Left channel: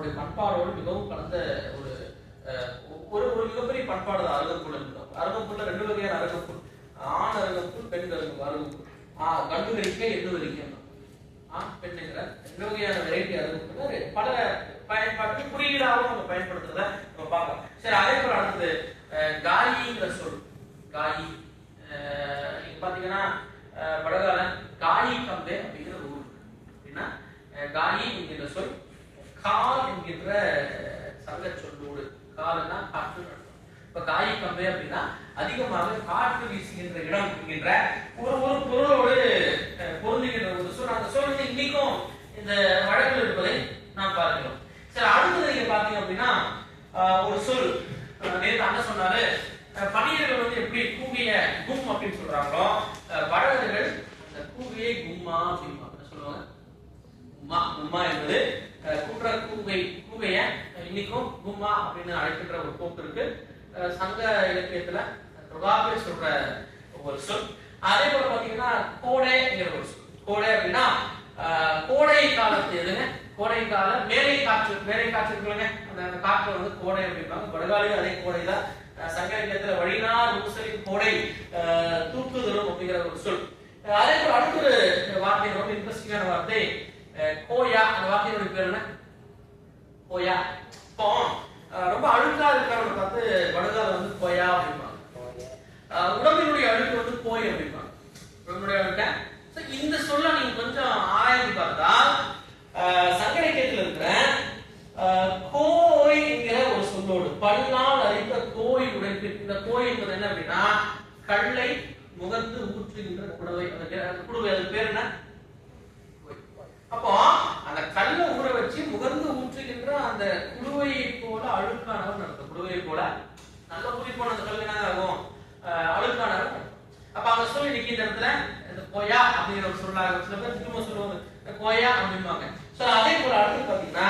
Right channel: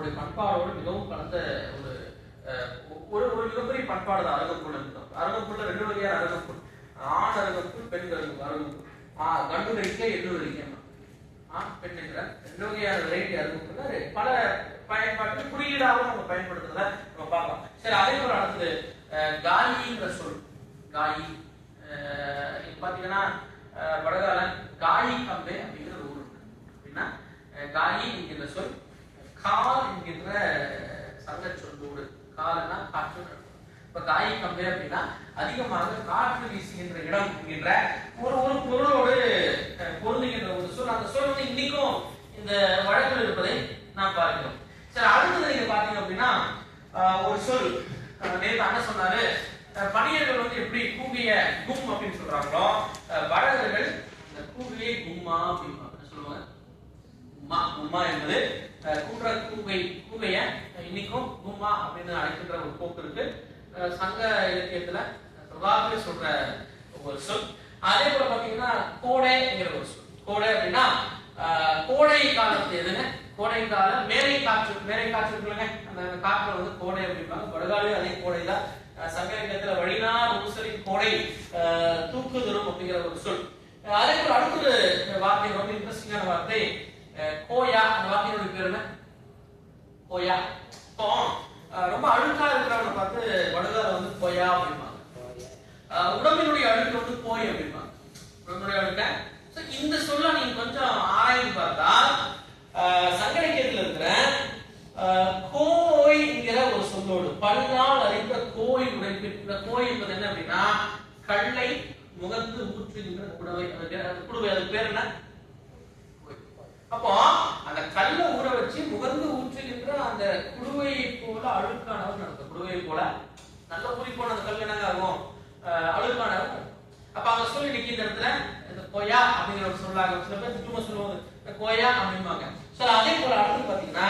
அவனுடைய பண்பாடோடு மிகவும் கலந்த ஒரு ஒரு ஒரு மிகப்பெரிய பண்பாடு தான் அருகம்புல் என்பது. அருகம்புல்ல 2 வகையான அருகம்புல், ஆண் அருகம்புல், பெண் அருகம்புல். கண்டு வரிக்கை, எள்ளு வரிக்கை, ஆண் பெண் என்ற 2 வகையான வெரைட்டி அருகம்புல் பல பயன்பாட்டு குறியீடாகவும் நம்ம பயன்படுத்துறத நம்ம பார்க்கலாம். சரி, அதே போல அடுத்தது காயிங்கிற சொல். காயி நீங்க பாத்தீங்கன்னா வடகால காயி கம்பே அப்படிங்கிற ஊர் அப்படின்னா காயி என்கின்ற சொல் கால் என்கின்ற சங்க சொல்லோடு, காலன்னா காற்று. இப்ப காயி கம்பே அப்படின்னா அதிகமாக காற்று வீசுகின்ற இடம் என்கின்ற ஒரு ஒரு பொருளோடு பொருந்துகின்ற ஒரு சொல். அந்த சொல் வந்து இன்னைக்கும் இந்த வழக்கில் இருப்பதை நாம் பார்க்கிறோம். சரி, அடுத்தது நீங்க பாத்தீங்க அப்படின்னா ஒரு சொல் நேற்று அண்ணன் சொன்னாரு, பணியர்கள் வந்து எப்படி கூவிய கும் அப்படின்னு சொல்றாங்களோ, வடகர்கள் கூவியை கும்மா அப்படின்னு சொல்லுவாங்க. கும்மா கும்மா என்பது குன்ற கூவைய இன்னைக்கும் கும்மா அப்படின்னு அழைக்கின்ற ஒரு போக்கு இருக்கு. சங்க இலக்கியத்துல பிரபாகர சொல்ற ஒரு சொல். அதே போல பாத்தீங்கன்னா கோடைங்கிற ஒரு சொல். கோடை அப்படின்னா கோடை காலத்து எதுங்க, கோடை காலம் மேலை காற்று இருக்குல்லங்க, அந்த காற்று வந்து கோடை அப்படிப்பாங்க. வடகாலையும் அதே கோடை தான். சங்க இலக்கியத்துல வழினார் ஊசரி கோடை தூக்குதரும் அப்படிங்கிற ஒரு சொல். அதே போல அடுத்த ஒரு வார்த்தை, ரொம்ப இன்ட்ரெஸ்டிங்கான வார்த்தை கோயா. அந்த வார்த்தையோட பேர் என்ன? கோயா. இப்போ ரொம்ப அழுக்கா இருக்கிறவங்க பார்த்து வடகால வந்து கோயா அப்படிம்பாங்க. உடம்பினுடைய அழுக்கு வந்து கோய் அப்படிம்பாங்க. உடம்புடைய அழுக்க. இந்த சொல்ல நீங்க கொஞ்சம் ஆராய்ந்து பார்த்தால் சங்க இலக்கியத்துல இருக்கிற கோய் என்கிற ஒரு சொல்லோடு பல்லால் அரைத்த கோய் உடைப்பிருக்கிற கோய் என்பது என்ன அப்படின்னா கல்லை முகந்து ஊற்றுகின்ற குடுவை. குடுவை அதுக்கு பேர் என்ன? அப்போ அந்த கல்லை ஊற வச்சு முகந்து ஊற்றுகின்ற அந்த குடுவையை போல அழுக்கானவர் நடக்கும். குடுவையை போல நல்ல ஊறி போன அந்த கல் என்ன ஆகும்? அழுக்கானவர். அப்ப அவங்க சொல்லி இன்னைக்கு இந்த இடத்துல இந்த கோயா அப்படிங்கிற ஒரு சொல்லாக சில பேர் திரும்ப சொல்லுவாங்க கோயா அப்படின்பாங்க. சோ அதே போல அடுத்து பாத்தீங்கன்னா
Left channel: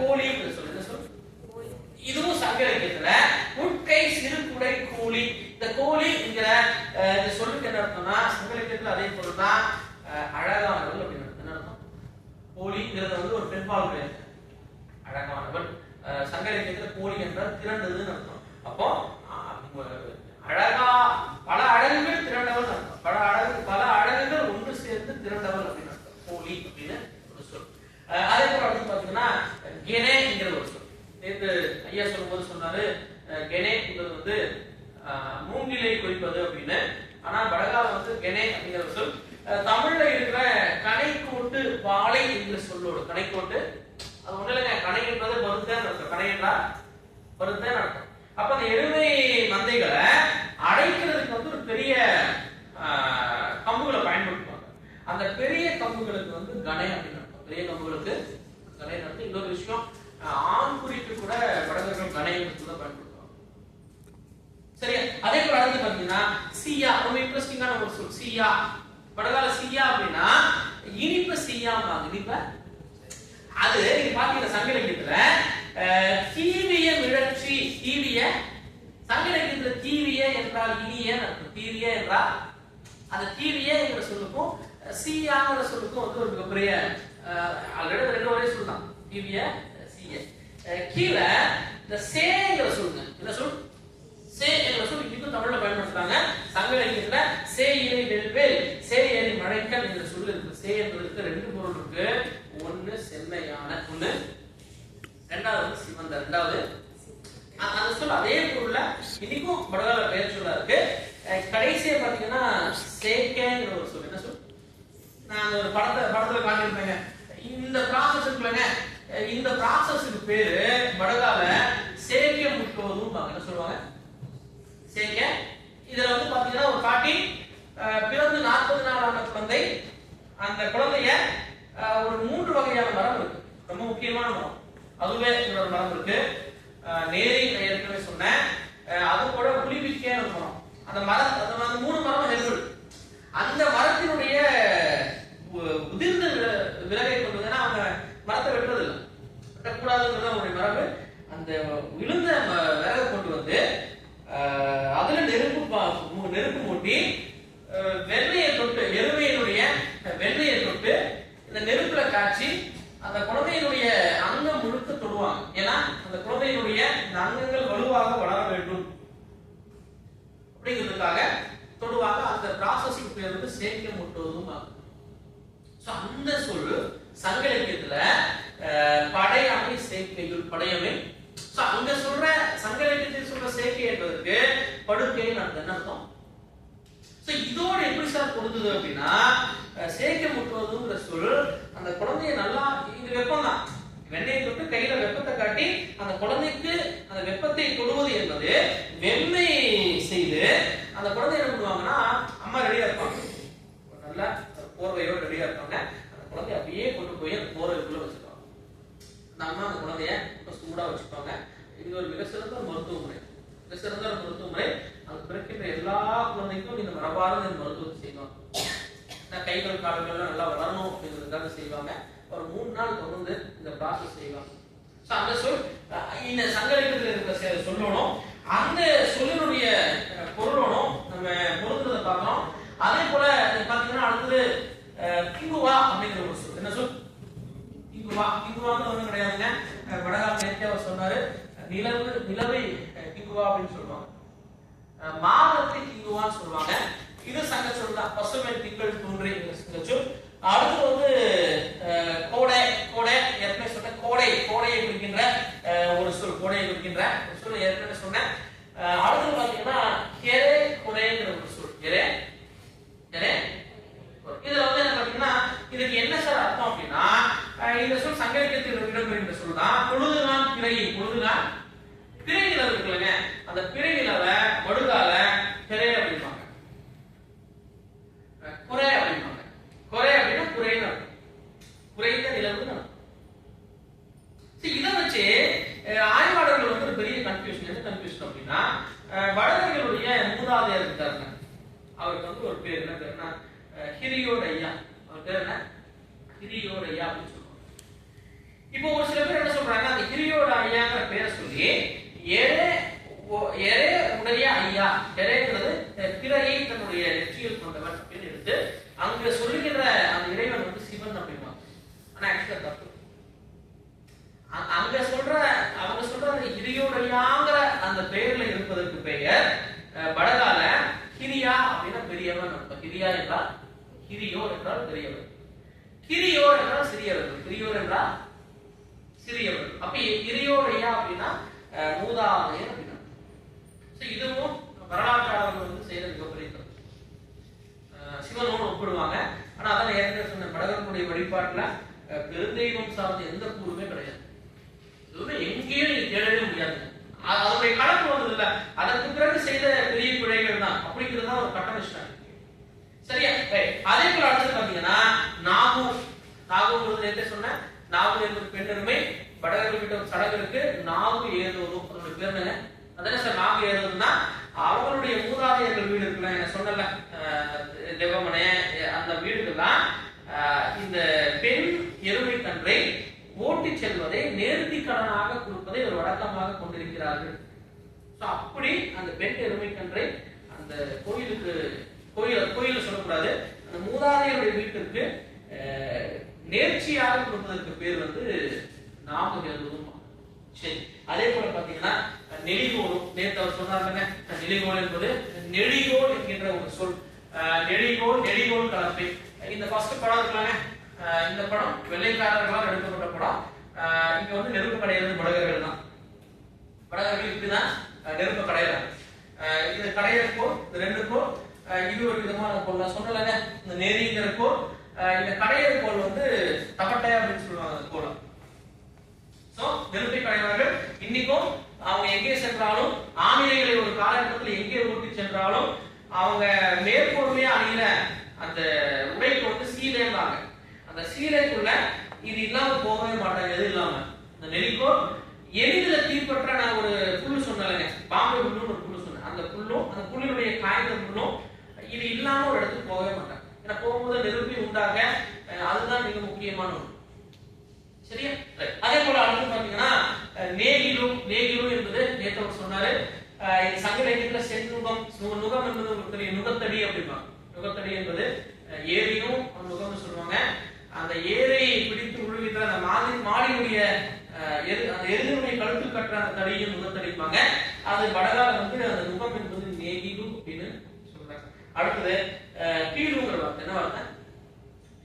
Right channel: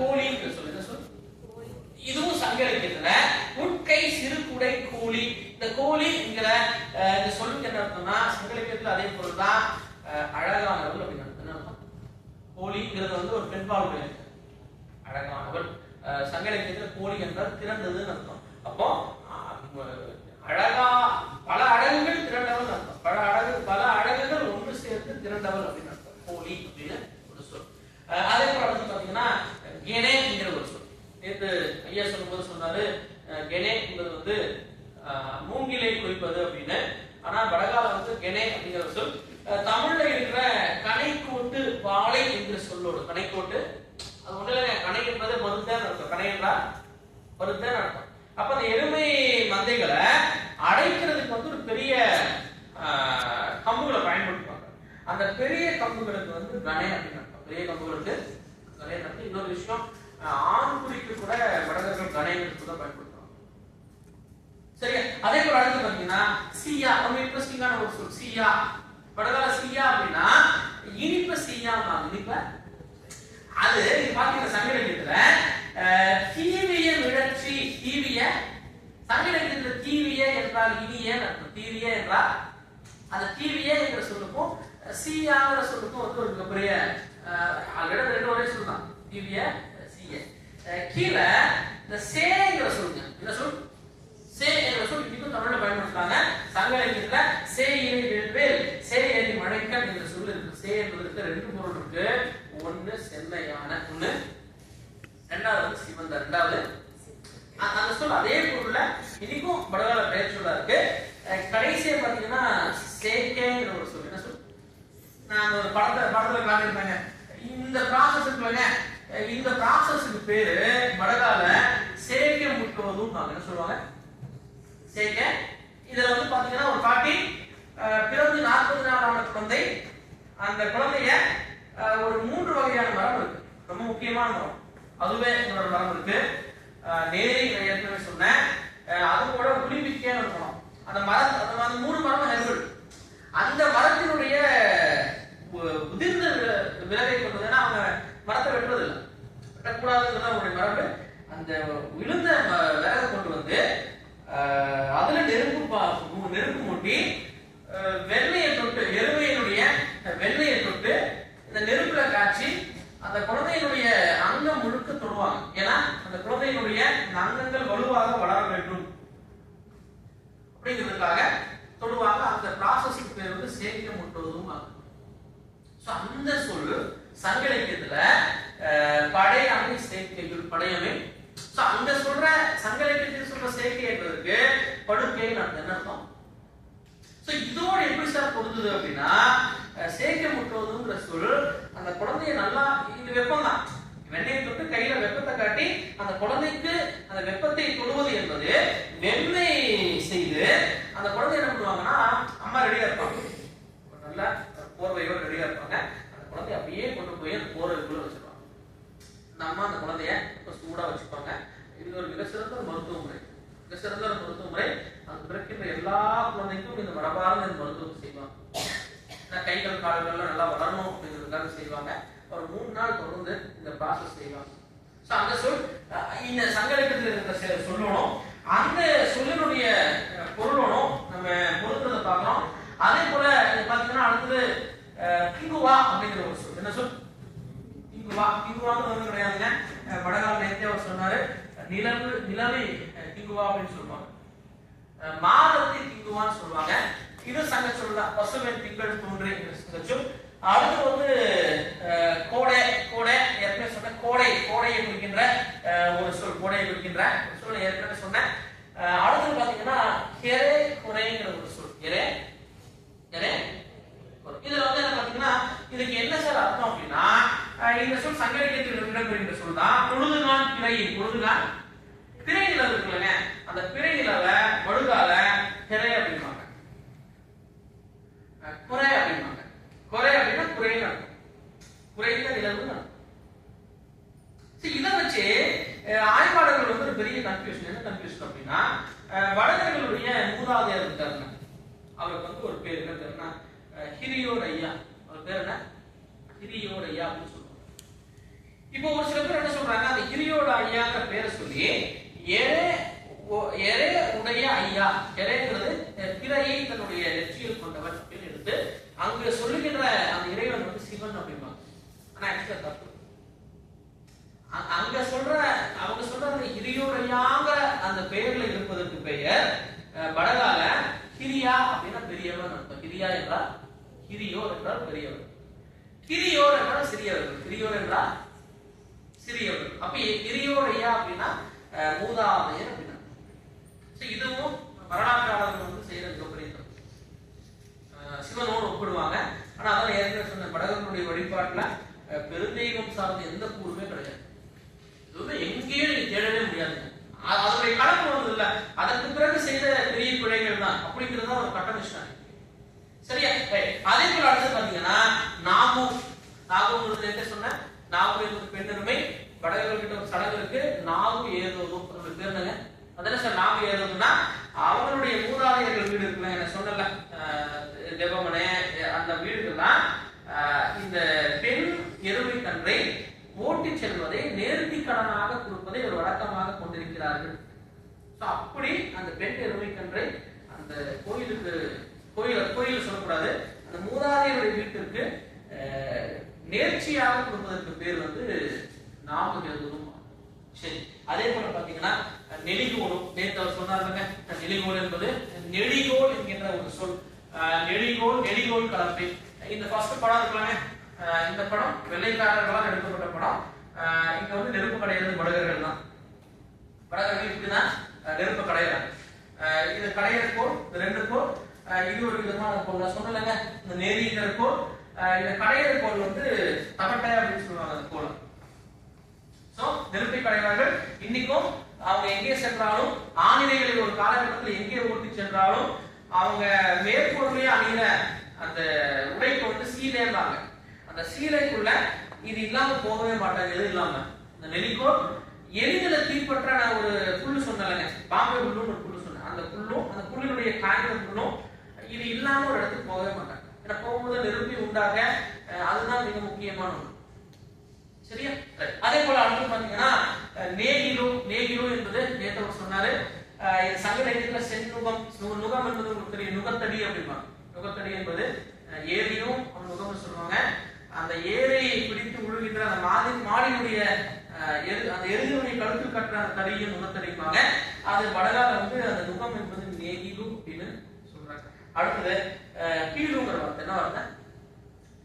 கோழி சொல்லு. என்ன சொல்? இதுவும் சங்க இலக்கியத்துல உட்கை சிறு குடை கோழி. இந்த கோழி என்கிற இந்த சொல்லுக்கு என்ன அர்த்தம்னா சங்க இலக்கியத்துல அதே போலதான் அழகானவள் அப்படின்னு என்ன அர்த்தம்? கோழிங்கிறது வந்து ஒரு பெண்பால் பெயர். அழகானவள் சங்க இலக்கியத்துல கோழி என்றால் திரண்டதுன்னு அர்த்தம். அப்போ அழகா பல அழகுகள் திரண்டவள் அர்த்தம். பல அழகுகள் ஒன்று சேர்ந்து திரண்டவள் அப்படின்னு அர்த்தம் கோழி அப்படின்னு ஒரு சொல். அதே போல வந்து பாத்தீங்கன்னா கெனே என்கிற ஒரு சொல். நேற்று ஐயா சொல்லும்போது சொன்னாரு கெனே என்பது வந்து மூங்கிலை குறிப்பது அப்படின்னு. ஆனா வடகால வந்து கெனே அப்படிங்கிற சொல் தமிழ்ல இருக்கிற கணைக்கோட்டு வாழை என்கிற சொல்லோடு. கணைக்கோட்டு அது ஒண்ணு இல்லைங்க, கணை என்பது மருந்தேன்னு அர்த்தம். கணை என்றால் மருந்தேன்னு அர்த்தம். அப்ப அந்த எருமை மந்தைகளை அடைக்கிறதுக்கு வந்து ஒரு பெரிய கம்புகளை பயன்படுத்துவாங்க. அந்த பெரிய கம்புகளுக்கு வந்து கணை அப்படின்னு அர்த்தம். பெரிய கம்புகளுக்கு கணை அர்த்தம். இன்னொரு விஷயம், ஆண் குறிக்கு கூட வடகர்கள் கணைகளுக்கு கூட பயன்படுத்துவாங்க. சரியா? அதே போல அடுத்து பாத்தீங்கன்னா சீயா. ரொம்ப இன்ட்ரெஸ்டிங்கான ஒரு சொல் சீயா. வடகால சீயா அப்படின்னா இனிப்ப சீயா. இனிப்ப அது இது பாத்தீங்கன்னா சங்க இலக்கியத்துல தீவிய மிழற்றி. தீவிய சங்க இலக்கியத்துல தீவிய என்றால் இனிய அர்த்தம். தீவிய என்றால் அந்த தீவிய என்கிற சொல்லுக்கும் சீயாங்கிற சொல்லுக்கும் வந்து ஒரு மிகப்பெரிய ஆல்ரெடி 2 ஒரே சொல் தான். தீவிய சீய. கீழே இந்த சேங்கிற சொல்லுங்க. என்ன சொல்? சே என்ற சொல் இன்னைக்கும் தமிழ்ல பயன்படுத்துறாங்க. சங்க இலக்கியத்துல சே ஏரி நெல்வேல், சே ஏரி மழைக்கல் என்ற சொல் இருக்கு. சே என்பதற்கு 2 பொருள் இருக்கு. ஒன்னு செம்மையான, ஒன்னு ரெண்டாவது சிவந்த. ரெண்டாவது அந்த சொல் அதே பொருள்ல இன்னைக்கும் வடகால பெயர் சொல்லா இருக்கு. கடைசியா பாத்தீங்கன்னா சேக்கேங்கிற ஒரு சொல். என்ன சொல்? நான் ஒரு படத்துல காட்டியிருப்பேங்க. இந்த ப்ராசஸ் இருக்குல்லங்க, இந்த ப்ராசஸ்க்கு பேரு வடகால சேக்க முட்டுவதும். என்ன சொல்லுவாங்க? சேக்க. இதுல வந்து பாத்தீங்கன்னா ஒரு பாட்டி பிறந்து 40 நாள் ஆன குழந்தை, அந்த குழந்தைய ஒரு 3 வகையான மரம் இருக்கு. ரொம்ப முக்கியமான மரம், அதுவே ஒரு மரம் இருக்கு. நேரி நான் ஏற்கனவே சொன்னேன். அது கூட புலிவிக்கையான ஒரு மரம். அந்த மரம், அந்த 3 மரம் ஹெர்பல். அந்த மரத்தினுடைய உதிர்ந்த விலகை கொண்டதுன்னா அவங்க மரத்தை வெட்டுறது இல்லை, வெட்டக்கூடாதுங்கிறத ஒரு மரபு. அந்த விழுந்த விலகை கொண்டு வந்து அதுல நெருப்பு மூட்டி வெண்ணையை தொட்டு, எருமையினுடைய வெண்ணையை தொட்டு இந்த நெருப்புல காய்ச்சி அந்த குழந்தையினுடைய அங்க அங்கம் முழுக்க தொடுவாங்க. ஏன்னா அந்த குழந்தையினுடைய அங்கங்கள் வலுவாக வளர வேண்டும் அப்படிங்கிறதுக்காக தொடுவாங்க. அந்த ப்ராசஸ்க்கு பேர் வந்து சேக்கியம் முட்டுவதும் ஆகும். அந்த சொல்லு சங்க இலக்கியத்துல படையமை சேக்கையுள் படையமை. அங்க சொல்ற சங்க இலக்கியத்தில் சொல்ற சேக்கை என்பதற்கு படுக்கைன்னு அர்த்தம். இதோட எப்படி சார் பொருந்துது அப்படின்னா, சேக்கை முட்டுவதுங்கிற சொல் அந்த குழந்தைய நல்லா, இது வெப்பம் தான், வெண்ணெயை தொட்டு கையில வெப்பத்தை காட்டி அந்த குழந்தைக்கு அந்த வெப்பத்தை தொடுவது என்பது வெண்ணெய் செய்து அந்த குழந்தை என்ன பண்ணுவாங்கன்னா, அம்மா ரெடியா இருப்பாங்க, நல்ல போர்வையோடு ரெடியா இருப்பாங்க, அந்த குழந்தைய அப்படியே கொண்டு போய் அந்த போர்வைக்குள்ள வச்சிருப்பாங்க. அந்த அம்மா அந்த குழந்தைய சூடா வச்சுப்பாங்க. இது ஒரு மிக சிறந்த மருத்துவ முறை, மிக சிறந்த மருத்துவ முறை. அது பிறக்கின்ற எல்லா குழந்தைக்கும் இந்த மரபார்ந்த இந்த மருத்துவத்தை செய்வாங்க. கைகள் கால்கள்லாம் நல்லா வளரணும் அப்படிங்கிறதுக்காக செய்வாங்க. ஒரு 3 நாள் தொடர்ந்து இந்த ப்ராசஸ் செய்வாங்க. அந்த சொல் இந்த சங்க இலக்கியத்தில் இருக்கிற சொல்லணும், அந்த சொல்லினுடைய பொருளணும் நம்ம பொருத்துறதை பார்க்கிறோம். அதே போல பாத்தீங்கன்னா அடுத்தது கிங்குவா அப்படிங்கிற ஒரு சொல். என்ன சொல்? கிங்குவா. கிங்குவான்னு ஒன்றும் கிடையாதுங்க. வடகால் நேரத்தை அவர் சொன்னாரு, நிலவை கிங்குவா அப்படின்னு சொல்லுவாங்க, மாதத்தை கிங்குவான்னு சொல்லுவாங்க. இது சங்க சொல் தான். பசுமை திங்கள் தோன்றி சங்க சொல். அடுத்து வந்து கோடை. கோடை ஏற்கனவே சொன்ன கோடையை குறிக்கின்ற ஒரு சொல், கோடையை குறிக்கின்ற ஒரு சொல் ஏற்கனவே சொன்னேன். அடுத்து பாத்தீங்கன்னா கெரே கொடைங்கிற ஒரு சொல். கெரே இதுல வந்து என்ன பாத்தீங்கன்னா, இதுக்கு என்ன சார் அர்த்தம் அப்படின்னா, இந்த சொல் சங்க இலக்கியத்தில் இடம்பெறுகின்ற சொல் தான். பொழுதுகான் பிறையில், பொழுதுகான் பிறை நிலவு இருக்குல்லங்க, அந்த பிறை நிலவை வடுகால கெரே அப்படின்பாங்க, குறை அப்படின்பாங்க. குறை அப்படின்னா குறைன்னு அர்த்தம், குறைந்த நிலவுன்னு அர்த்தம். இதை வச்சு ஆய்வாளர்கள் வந்து ஒரு பெரிய கன்ஃபியூஷன். என்ன கன்ஃபியூஷன் அப்படின்னா, வடகர்களுடைய மூதாதையர் இருக்காருங்க, அவருக்கு வந்து ஒரு பேர் என்ன பேருன்னா ஹிரியோடையா. அவர் பேர் என்ன? ஹிரியோடையா அப்படின்னு சொல்லுவாங்க. இப்போ ஒரு சில பேர் என்ன சொல்றாங்க, அந்த ஹிரியோடையாங்கிற பேரை சொல்லி எரே உடைய ஐயா, எரேங்கிறது பிறையை தன்னுடைய நெற்றியில் கொண்டவன் அப்படின்னு எடுத்து அங்க சொல்லுகின்ற அந்த இறைவன் வந்து சிவன் அப்படின்னா, ஆனா ஆக்சுவலா தப்பு. அங்க அவங்க சொல்ற அந்த ஹிரியோடையாங்கிற அந்த பெயர்ல இருப்பதற்கு பெயர் வடகால ஹிரியா அப்படின்னா பெரியவன் அர்த்தம். ஹிரியா என்றால், ஹிரியோர் என்றால் பெரியவர், ஹிரியோர் என்றால் சிறியவர்கள், ஹிரியோர் என்றால் சிறியவர்கள். அப்ப ஹிரியோடையா அப்படின்னா மூதாதையர் அப்படின்னா. இதுவும் வரலாற்றாளர்கள் வந்து செய்த மிகப்பெரிய தப்பு. சிவனோடு ஒப்பிடுவாங்க. ஆனா அதான் ஏற்கனவே சொன்ன வடகர்களுடைய வழிபாட்டுல பெருந்தெய்வம் சார்ந்த எந்த கூறுமே கிடையாது. இதுவுமே எங்கேயும் நீங்க தேடவே முடியாதுங்க. அதனுடைய கலப்பு வந்தது இல்ல, அதற்கு பிறகு செய்த பெரிய பிழைகள் தான் அப்படிங்கிறதா ஒரு கட்டமிஷ்டம். சரியா? அதே போல அடுத்து பாத்தீங்கன்னா நாகு என்ன சொன்ன, நாகு என்பது பெண்ணெருமை. வடகர்கள் கிட்ட ஒரு சடங்கு இருக்கு, நாகு ஏதோரும் அதனுடைய பேர் என்னங்க? அதான சார் நாகு ஏதோருன்னா, அவங்களுடைய மூதாதையர்கள் வீடு இருக்குல்ல, என்ன சொன்னல தேவமனே, அந்த வீடுகள்லாம் இந்த பெண் எருமை கன்றை ஓட்டி செல்வதை நேர்த்தி கடனாக கொடுப்பதை ஒரு வழக்கமாக கொண்டிருக்கிறார்கள். அப்படி அந்த பெண் எருமை கன்றை அந்த கோயில சொல்லக்கூடாது, அந்த மூதாதையருடைய வீட்டிற்கு நேர்ச்சியாக கொடுப்பதற்கு பேர் வந்து நாமகேதுவும். சரி, அதே போல பாத்தீங்கன்னா நெடிகோலும், நேற்று அவர் சொன்னாங்க, நெடிகோல் என்பது நெடிகோல் என்கின்ற ஒரு சொல். நெடிகோல் கலப்பை. இந்த ஃபர்ஸ்ட் படம் இருக்கலாங்க, இந்த படம் வெள்ளைக்காரர்களால் எடுக்கப்பட்ட படம். இங்க வந்து நெருப்பு கடையிறது வடகர்கள் தான். வடகர்கள் இப்படிதான் நெருப்பு கடையிறாங்க. இது கடையிறக்கோள், ரெண்டுக்கும் இது ஒரு விதமான கோள். நான் சொன்னலங்க, இந்த நெறிங்கிற கோள், இந்த கடையிற கோள் வந்து தகட்டை அப்படின்னு சொல்லுவாங்க அந்த கோளம். சோ நெருப்பை கடைவார்கள். இன்னைக்கும் அவங்க எங்கே சென்றாலும், ஆணிரைகளை ஒரு காலகட்டத்தில் எங்கே ஓட்டி சென்றாலும் அவங்க மேற்கொள்ளையே அணிகிற அந்த உடைக்கு வந்து சீலைன்றாங்க. அந்த சீலைக்குள்ள இது இல்லாம போகவே மாட்டாங்க. எது இல்லாம இந்த நெல்லிக்கோள் எளிதில தீப்பற்ற, நான் ஒரு புல்லு சொன்னேங்க, பாம்பே புல்லுன்னு ஒரு புல்லு சொன்னேன், அந்த புல்லும் அந்த புல்லினுடைய காய்ந்த புல்லும் இது இல்லாம ஒரு இடத்துக்கு போகவே மாட்டாங்க. ஏன்னா போகும்போது நெருப்பி உண்டாக அதுதான் மிக முக்கியமான ஒன்று. சரியா? அதே போல அடுத்து பாத்தீங்கன்னா நேகிலு என்பது நேற்று சொன்னாரு, சங்க இலக்கியத்துல செந்நுகம், நுகம் என்பது உங்களுக்கு தெரியும், நுகத்தடி அப்படிம்பாங்க. நுகத்தடி என்பது ஏரியும் நுகம்னு சொல்லுவாங்க. அந்த ஏரையை பிடித்து உழுகின்ற அந்த மாடியுடைய அந்த எருதினுடைய கழுத்து கட்டுற அந்த தடியும் நுகத்தடிப்பாங்க. அது வடகால வந்து அந்த நுகம் என்பது நேகிலு அப்படின்னு சொல்றாங்க. அடுத்தது பீலுங்கிற வார்த்தை என்ன வார்த்தை?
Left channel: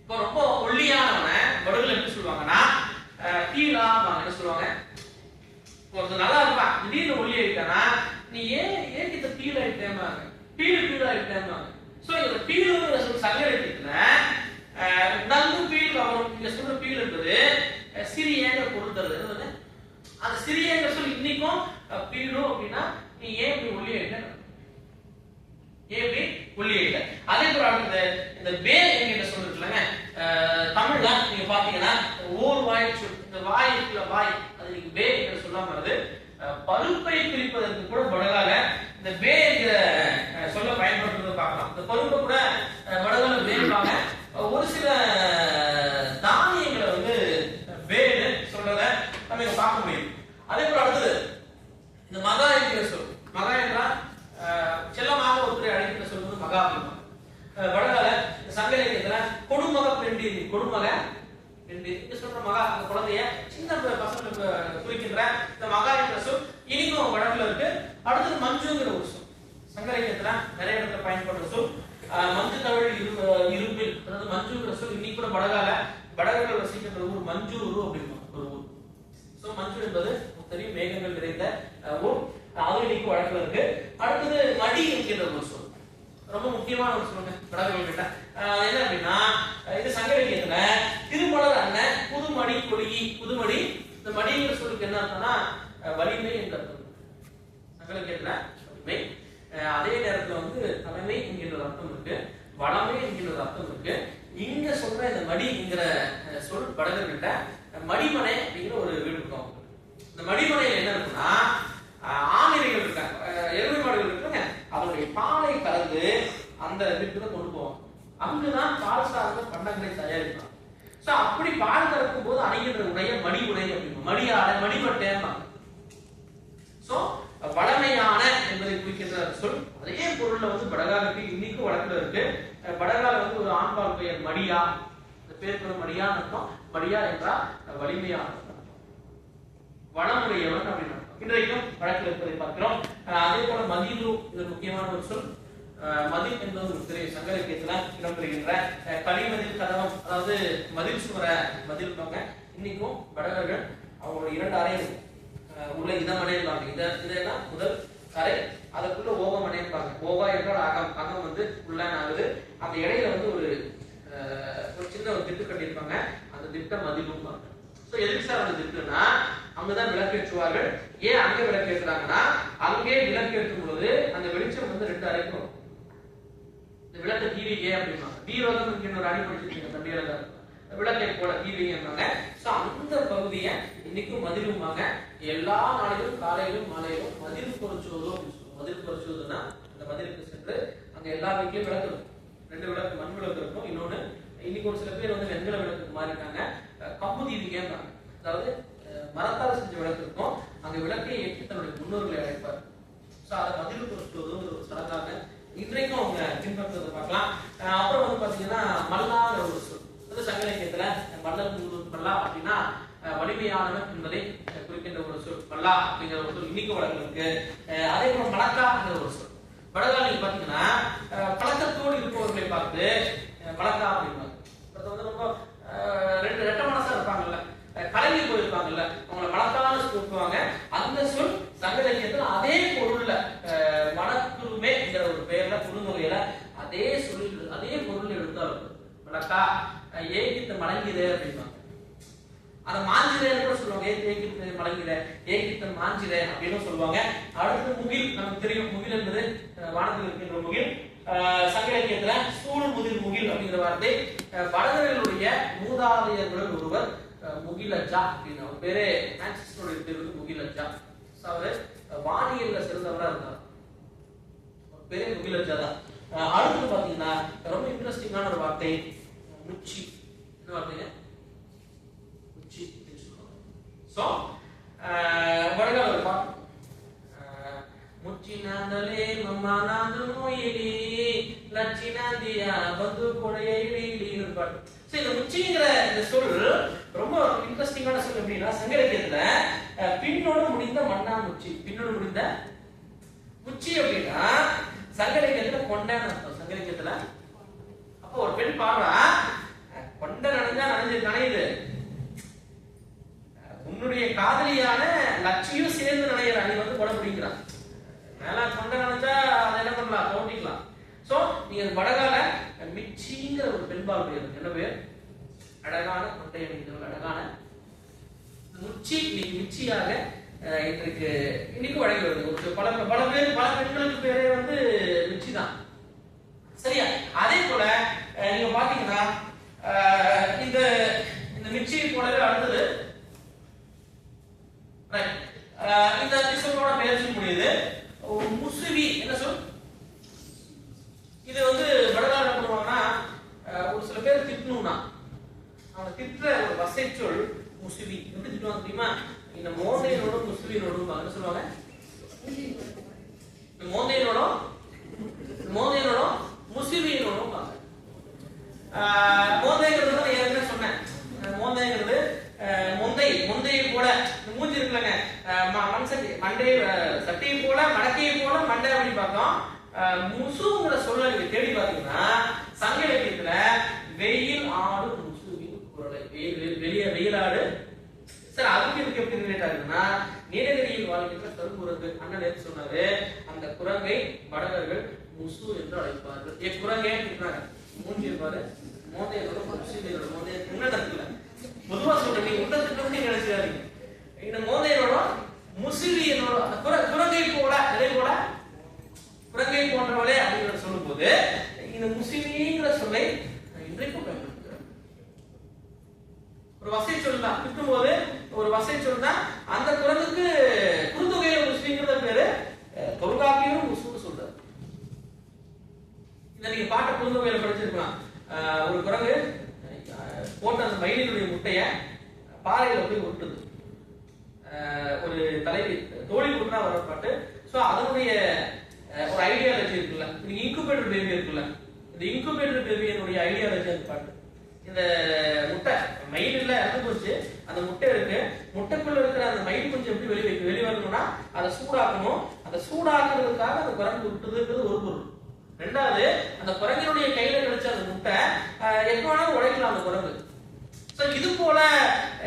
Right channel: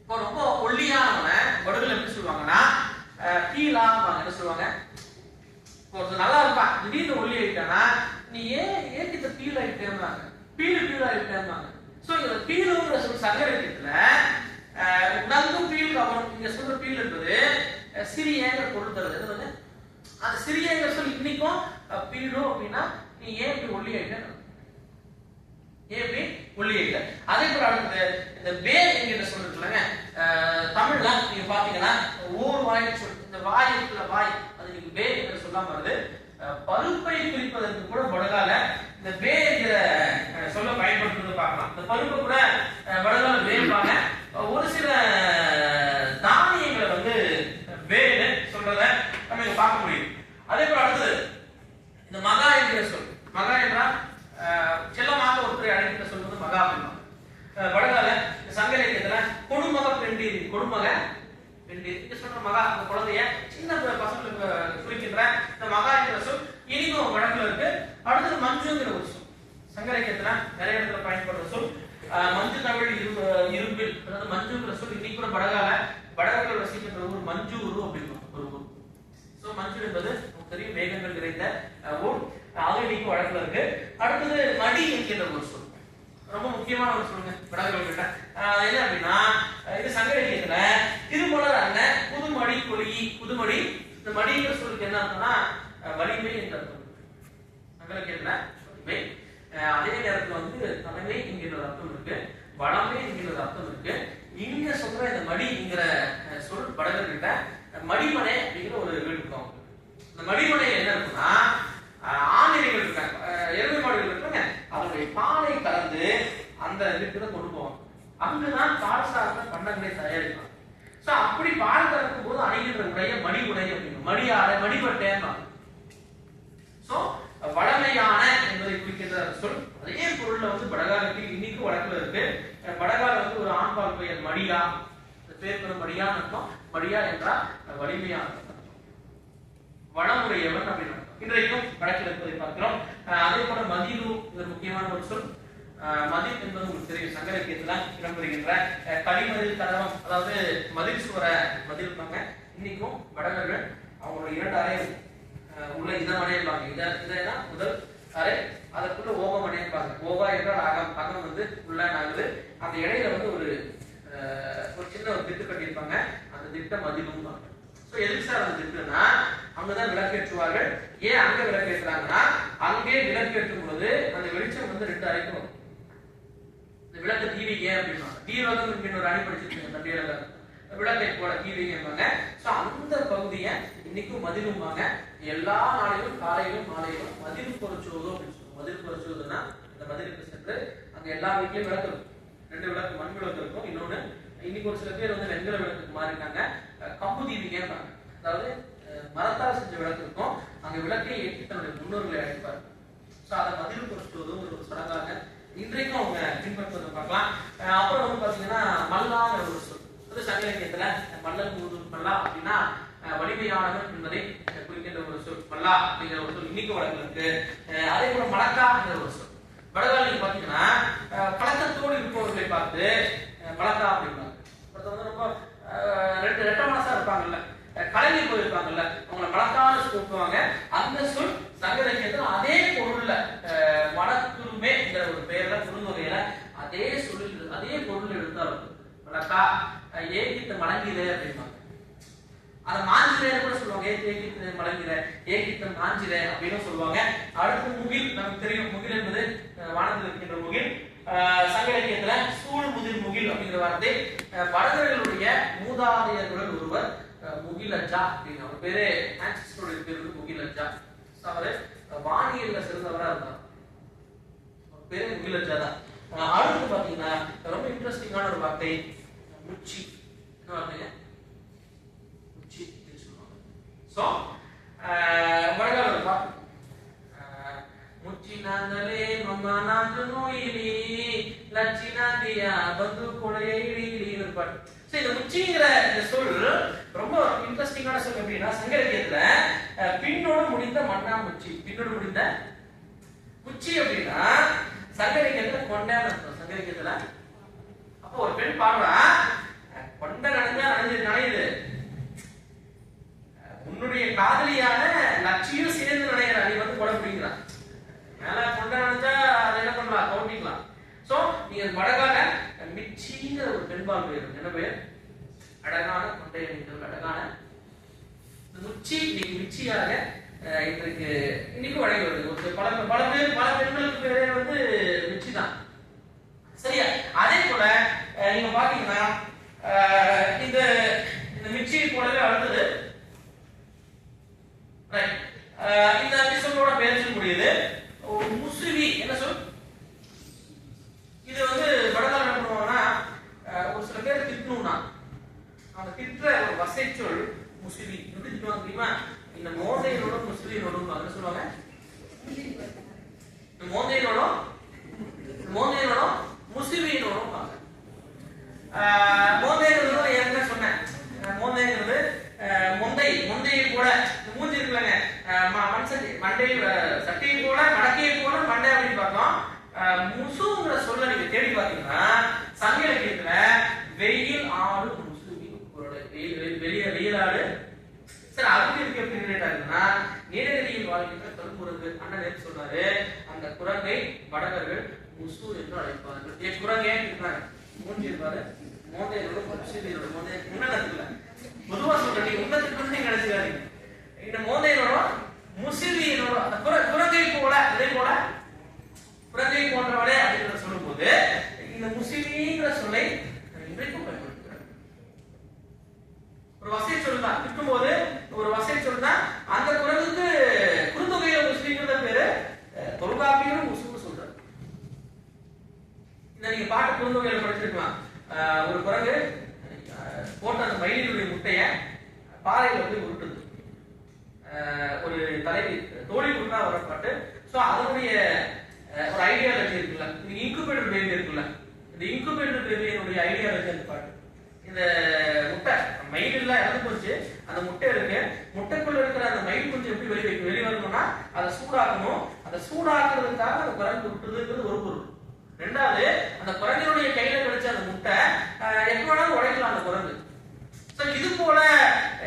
இப்போ ரொம்ப ஒல்லியானவனை வடுகள் எப்படி சொல்லுவாங்கன்னா பீலா என்ன சொல்லுவாங்க? ஒருத்தர் நல்லா இருப்பான், திடீர்னு ஒல்லி ஆயிட்டானா நீ ஏன் கிட்ட பீல் ஆயிட்டேன்னாங்க, பீல் ஆயிட்டேன்னாங்க. சோ இந்த பீலுங்கிற சங்க இலக்கியத்துல நன்கு பீல் அப்புறம் நீங்க சொல்ற பீல் என்பது சிறியங்கிற பொருள் தருது. வந்து அந்த சிறியங்கிற சொல்லி இன்னைக்கும் பீலு அப்படின்னா நீ ஏன் இப்படி ஒல்லி ஆயிட்ட, ஏன் இப்படி ஒல்லி ஆயிட்ட. அதே போல அடுத்தது இந்த பே என்கிற சொல் இருக்குல்லங்க, தமிழ்ல நீங்க பாத்தீங்கன்னா ஓர் வாய் சொல், இந்த வாய் இருக்குல்ல வாய், அது நீங்க பே என்று சொல்லாம வருது. பருப்பை குறிப்பதற்கு கூட வடகால இந்த பே என்ற சொல்ல பயன்படுத்துறது பார்க்கலாம். இந்த பருப்பை கூட வடகால பேருப்பாங்க. ஒரு சில தானியங்களை வந்து வேன்னு சொல்றத நம்ம இங்க பார்க்க முடியும். அதே போல அடுத்தது இந்த மகா என்கிற சொல், மகா என்றால் செல்லமாக ஒருத்தரை அழைக்கிற சொல் வந்து மகா அப்படின்னா வடகால சங்க இலக்கியத்துல கொடுமக பெண்டீர், கொடுமக பெண்டீர் இங்க சொல்ற மகா அந்த குழந்தைய சின்ன பசங்களுக்கு குறிக்கின்ற இந்த மகா என்கிற சொல் இனிக்கும் வடக்குல இருக்கு. அடுத்தது மஞ்சுங்கிற ஒரு சொல் சங்க இலக்கியத்துல நிறைய இடத்துல பயன்படுற சொல். மஞ்சு தமிழ் இரும்பில், அதாவது மஞ்சுங்கிற சொல் இன்னைக்கு கூட வடகால வடகர்கள் வசிக்கின்ற ஊர் மஞ்சூரு அப்படின்னு ஒரு ஊர். சோ மஞ்சு என்பது தெரியும் மேகங்கள் நிறைந்த ஊர், அது இன்னைக்கு வடக்குல இருக்கு. அடுத்தது மடி என்கின்ற ஒரு சொல், ரொம்ப முக்கியமான ஒரு சொல்லுங்க வடகர்கள் கிட்ட. என்ன அப்படின்னா இது சங்க இலக்கியத்துல திருமலர் அண்ணன் புதுமடி கொலி, புதுமடி இந்த மடிங்கிற சொல்லுக்கு என்ன அர்த்தம்னா வலிமை என்ற அர்த்தம் சங்க இலக்கியத்துல வலிமை. அதே நேரத்துல வந்து தலைமை என்கிற அர்த்தம் இருக்கு, வளமை என்கிற அர்த்தம் இருக்கு. இங்க சொல்ற இந்த மடி என்கிற சொல் வடகர்கிட்ட மடிமனை அப்படிங்கிற ஒரு வீடு இருக்கும். இந்த மடிமனையில என்ன இருக்குன்னா ஆணிரைகள் இருக்காங்க, எருமை மாடுகள் இருக்காங்க, அதனுடைய பாலை கலந்து அந்த வீட்டுக்கு கொண்டு போவாங்க. அங்குதான் பால் சார்ந்த பண்டங்களை தயாரிப்பாங்க. சோ அப்படி பால் கறக்கும் போது அணிகின்ற உடைய மடி உடை அப்படிங்க, மடியாடை மடிபட்டேன். சோ வடமையான என்பதை குறிக்கின்ற சொல். அதே பொருள்ல வந்து வடகாலுக்கு இன்னைக்கு வடக்குல இருக்கு. வடகால வந்து ஒரு ஆண்பால் பெயர் மடியா, இந்த பேர் பெரும் மடியான்னு அர்த்தம். மடியா என்றால் வலிமையான வளமுடையவன் அப்படின்னு இன்றைக்கும் வடக்கில் இருப்பதை பார்க்கிறோம். அதே போல மதிலு இது முக்கியமான ஒரு சொல். மதில் என்பது உங்களுக்கு தெரியும் சங்க இலக்கியத்துல இடம்பெறுகின்ற களிமதில் கதவம், அதாவது மதில் சுவர மதில் இருப்பாங்க. இன்னைக்கும் வடகர்கள் அவங்களோட 2 அறை உள்ள இதம் அடையிருப்பாங்க. இதெல்லாம் முதல் அறை, அதற்குள்ள ஓபம் அடையிருப்பாங்க. ஓபா என்றால் அகம், அகம் வந்து உள்ள ஆகுது. அந்த இடையில வந்து ஒரு சின்ன ஒரு திட்டு கட்டியிருப்பாங்க, அந்த திட்ட மதிலும். சோ எதுக்கு சார் அந்த திட்டுனா அங்கதான் விளக்கேற்றுவார்கள். ஏன் அங்க விளக்கேற்றுறாங்கன்னா அங்கே விளக்கேற்றும் பொழுது அந்த வெளிச்சம் வந்து 2 அறைக்கும் வரும். இந்த விளக்க தீவிகை அப்படின்னா தீவகம் என்கிற ஒரு அணி படிச்சிருக்கீங்க தம்பியலக விளக்கை போட தீவிகம்பாங்க. சோ அந்த பகுதியை இன்னைக்கும் மதிலும்பாங்க. எல்லா நாளிலும் காலையிலும் மாலையிலும் மதில் பொறிச்சுவதோ அப்படின்னு சொல்லுவோம். மதில் பொறிச்சுவதுன்னா இந்த மதிலுக்கு சென்று அங்க எல்லா வீட்லயும் விளக்கு இருக்கும். 2 விளக்கு மண் விளக்கு இருக்கும். இன்னொன்னு இன்னைக்கு ஒரு சில பேர் வந்து வெண்கல விளக்குக்கு மாறிட்டாங்க, கம்பு தீவிகைம்பாங்க. அதாவது மரத்தால் செஞ்ச விளக்கு இருக்கும், அங்க விளக்கை ஏற்றி தன்னுடைய முன்னோர்களை அழைப்பார். சோ அதை மதில் பொறிச்சுவதும் ஒரு சடங்காக இன்றைக்கும் அவங்க பின்பற்றுவதை பார்க்கலாம். அப்புறம் வந்து பாத்தீங்கன்னா மல்லாங்கிற ஒரு சொல், அது சங்க இலக்கியத்துல மல்லன் மல்லா அப்படின்னா வலிமையானவன் என்பதை குறிக்கின்ற ஒரு சொல். மல்லா அப்படிங்கிற ஒரு சொல் இன்னைக்கு வழக்கு இருக்கு. அதே போல மலக்கா அப்படிங்கிற ஒரு சொல் வடகால நீங்க பாத்தீங்கன்னா பழக்கத்தோடு இருப்பவர்களை பார்த்து மலக்கா அப்படிம்பாங்க. வந்து ரொம்ப ரெட்ட மனசா இருப்பாங்கல்ல, கலங்கி போயிருப்பாங்கல்ல, அவங்களை மலக்கான்னு கூப்பிடுவாங்க. அந்த சொல் சங்க இலக்கியத்துல அதே பொருள்ல மனக்குருமே என்ற ஒரு பெயர்ல குறுந்தொகையில அதே சொல்லு அதே பொருள் எடுத்தாலும் மலக்கா ஏகித்த மலங்கிலே அப்படிம்பாங்க. அதை மாஞ்சிரே கூட சொல்லுவாங்க, ஏகித்த மலங்கிலே ஏகித்த மாஞ்சிரே அப்படின்னு சொல்லுவாங்க. அடுத்து முகில், நமக்கு தெரியும் முகில் என்பது வானத்தில் இருக்கின்ற முகில். சங்க இலக்கியத்துல சூழ் முதிர் முகில் அப்படிங்கிற வார்த்தை வடகர்களுடைய மூதாதையர்களுடன் ஒருவர் முகிலஜா அப்படின்னு அவர் பேரு, ஆன்சிஸ்டருடைய பேர் வந்து முகிலஜா. அவரு வானியல்ல சிறந்தவரா இருந்தார், பேரு முகிலஜா தான். அடுத்து பாத்தீங்கன்னா ரொம்ப இன்ட்ரெஸ்டிங்கான ஒரு வார்த்தை முச்சி. என்ன வார்த்தைங்க? முச்சி சொல்லுவாங்க. சோ வடகால ஒரு பாட்டு ಮುಚ್ಚಿನಾಂದಲೇ ಮಮ್ಮ ನಾಂದು ನೋಯಿಲಿ ಲಚ್ಚಿನಾಂದಿಯ ಬಂದು ಕೊಳೆಯ ಇಳಿ ಇಳಿ ಪಾಡು. இந்த முச்சிங்கிற இந்த சொல் ரொம்ப இன்ட்ரெஸ்டிங்கான சொல். எப்படின்னா சங்க இலக்கியத்துல பின்னோடு முடிந்த மண்ணாமுச்சி, பின்னோடு முடிந்த முச்சி அப்படின்னா சங்க இலக்கியத்துல கொண்டான்னு அர்த்தம். சங்க இலக்கியத்துல அப்போ ஒரு பெண் பாடுறா, கொண்ட நனைஞ்சா நனையுது, உன்னுடைய காதலியான லட்சியம் சேர்ந்து நனைகிற, நீ வந்து கொடை பிடிக்கிறான் மேல கொண்ட நனைஞ்சா அதை என்ன பண்ணலாம், தோண்டிக்கலாம். சோ நீங்க வடகால மிச்சிங்கிற ஒரு பெண்பால் பேர், என்ன பேர்? அழகான கொண்டை அணிந்தவள், அழகான முச்சி. இன்னைக்கு மிச்சியாக இன்றைக்கு இன்னைக்கு வழங்கி வருது. ஒரு பல பேர், பல பெண்களுக்கு பேரே வந்து மிச்சி தான். சரியா? அதே போல நீங்க பாத்தீங்கன்னா இந்த மிச்சியை போலவே அடுத்தது இந்த எபிசோடோட பேர் சொல்ல முடியுது முசுவி. என்ன சொல்? இது வந்து வடகால என்ன பண்ணுவாங்கன்னா, ஒரு சில பேர் திட்டணும்னா அவங்க திட்டுற ஒரு வசை சொல் முசுவி. எப்படி திட்டுவாங்க தெரியுமா? இந்த மோந்தையனோட முசுவினோட என்ன சொல்லுவாங்க? மோந்தையனோட முசுவினோட மோந்தைங்கிறது ஏற்கனவே சொன்னேன். மோந்தைங்கிறது முந்தையை போல மூஞ்சி இருக்குல்லங்க, மண் சட்டி மண்டையை சட்டியை போல மடக்கையை போல மண்டை அப்படின்னு பார்த்தோம். முசுங்கிற சொல்ல நீங்க தேடி பாத்தீங்கன்னா சங்க இலக்கியத்துல வெயில் ஆடு முசுவி வெளியே வெயிலாடு. சார் அதுக்கு இருக்கு எப்படி ரிலேட் ஆகுதுன்னா, நீலகிரியில் வாழ்கின்ற கருங்குரங்கு அண்ணன் நேற்று சொன்னாரு, அந்த குரங்கை வடகர்கள் முசு என்று அழைப்பார்கள். குரங்கே இருக்கிறாங்க, மூஞ்சி இருப்பாரு, மோந்தையோட முசுவியோட மோந்தைய முன்னத்துல பொதுவா சொல்றேன், நீங்க உண்டத்துக்கு நினைச்சாருங்க. இந்த மோந்தையோட முசுவியனோட அந்த குரங்கை போல, இதே போல குரங்கை போன்றவளே அப்படிங்கிற சொல்லும் போது இந்த முசுவிங்கிற சொல்லை இன்றைக்கும் பயன்படுத்துகிறார். ஒரு வசை சொல் தான் திட்டும் போது, ஒரு வசை சொல் தான். அந்த குரங்குக்கு குறுந்தொகையில முஸ்லிம்ங்கிற பேரு, தொல்காப்பியரும் முசுன்னு சொல்றாரு. இந்த நீங்க பாட்டு குறுந்தொகையில படிச்சிருக்கலாம். ஒரு குரங்கு போட்ட அந்த மயிலினுடைய முட்டைய பாறையில போய் உருட்டுது. ஒரு தலைவி தோழி உருட்டா வர பாட்டு. சோ அதனுடைய ஒரு ஐடியாலஜி இருக்குல்ல, இந்த இன்குபேட்டர் பேபி இருக்குல்ல, இந்த இன்குபேட்டர் பேபியினுடைய ஐடியாலஜி அந்த பாட்டு. இந்த முட்டை மயில் இல்ல இறந்து போச்சு, அந்த முட்டை இருக்கு, முட்டைக்குள்ள இருக்கிற அந்த மயில் குஞ்சு எப்படி வெளியே வரணும்னா அதை சூடாக்கணும். அந்த சூடாக்குறதுக்காக அந்த குரங்கு விட்டுதுங்கிறது ஒரு பொருள். ரெண்டாவது, அந்த குரங்கினுடைய கையில கிடைச்ச அந்த முட்டை எப்ப வேணாலும் உடைக்கலாம் அந்த குரங்கு. இது போல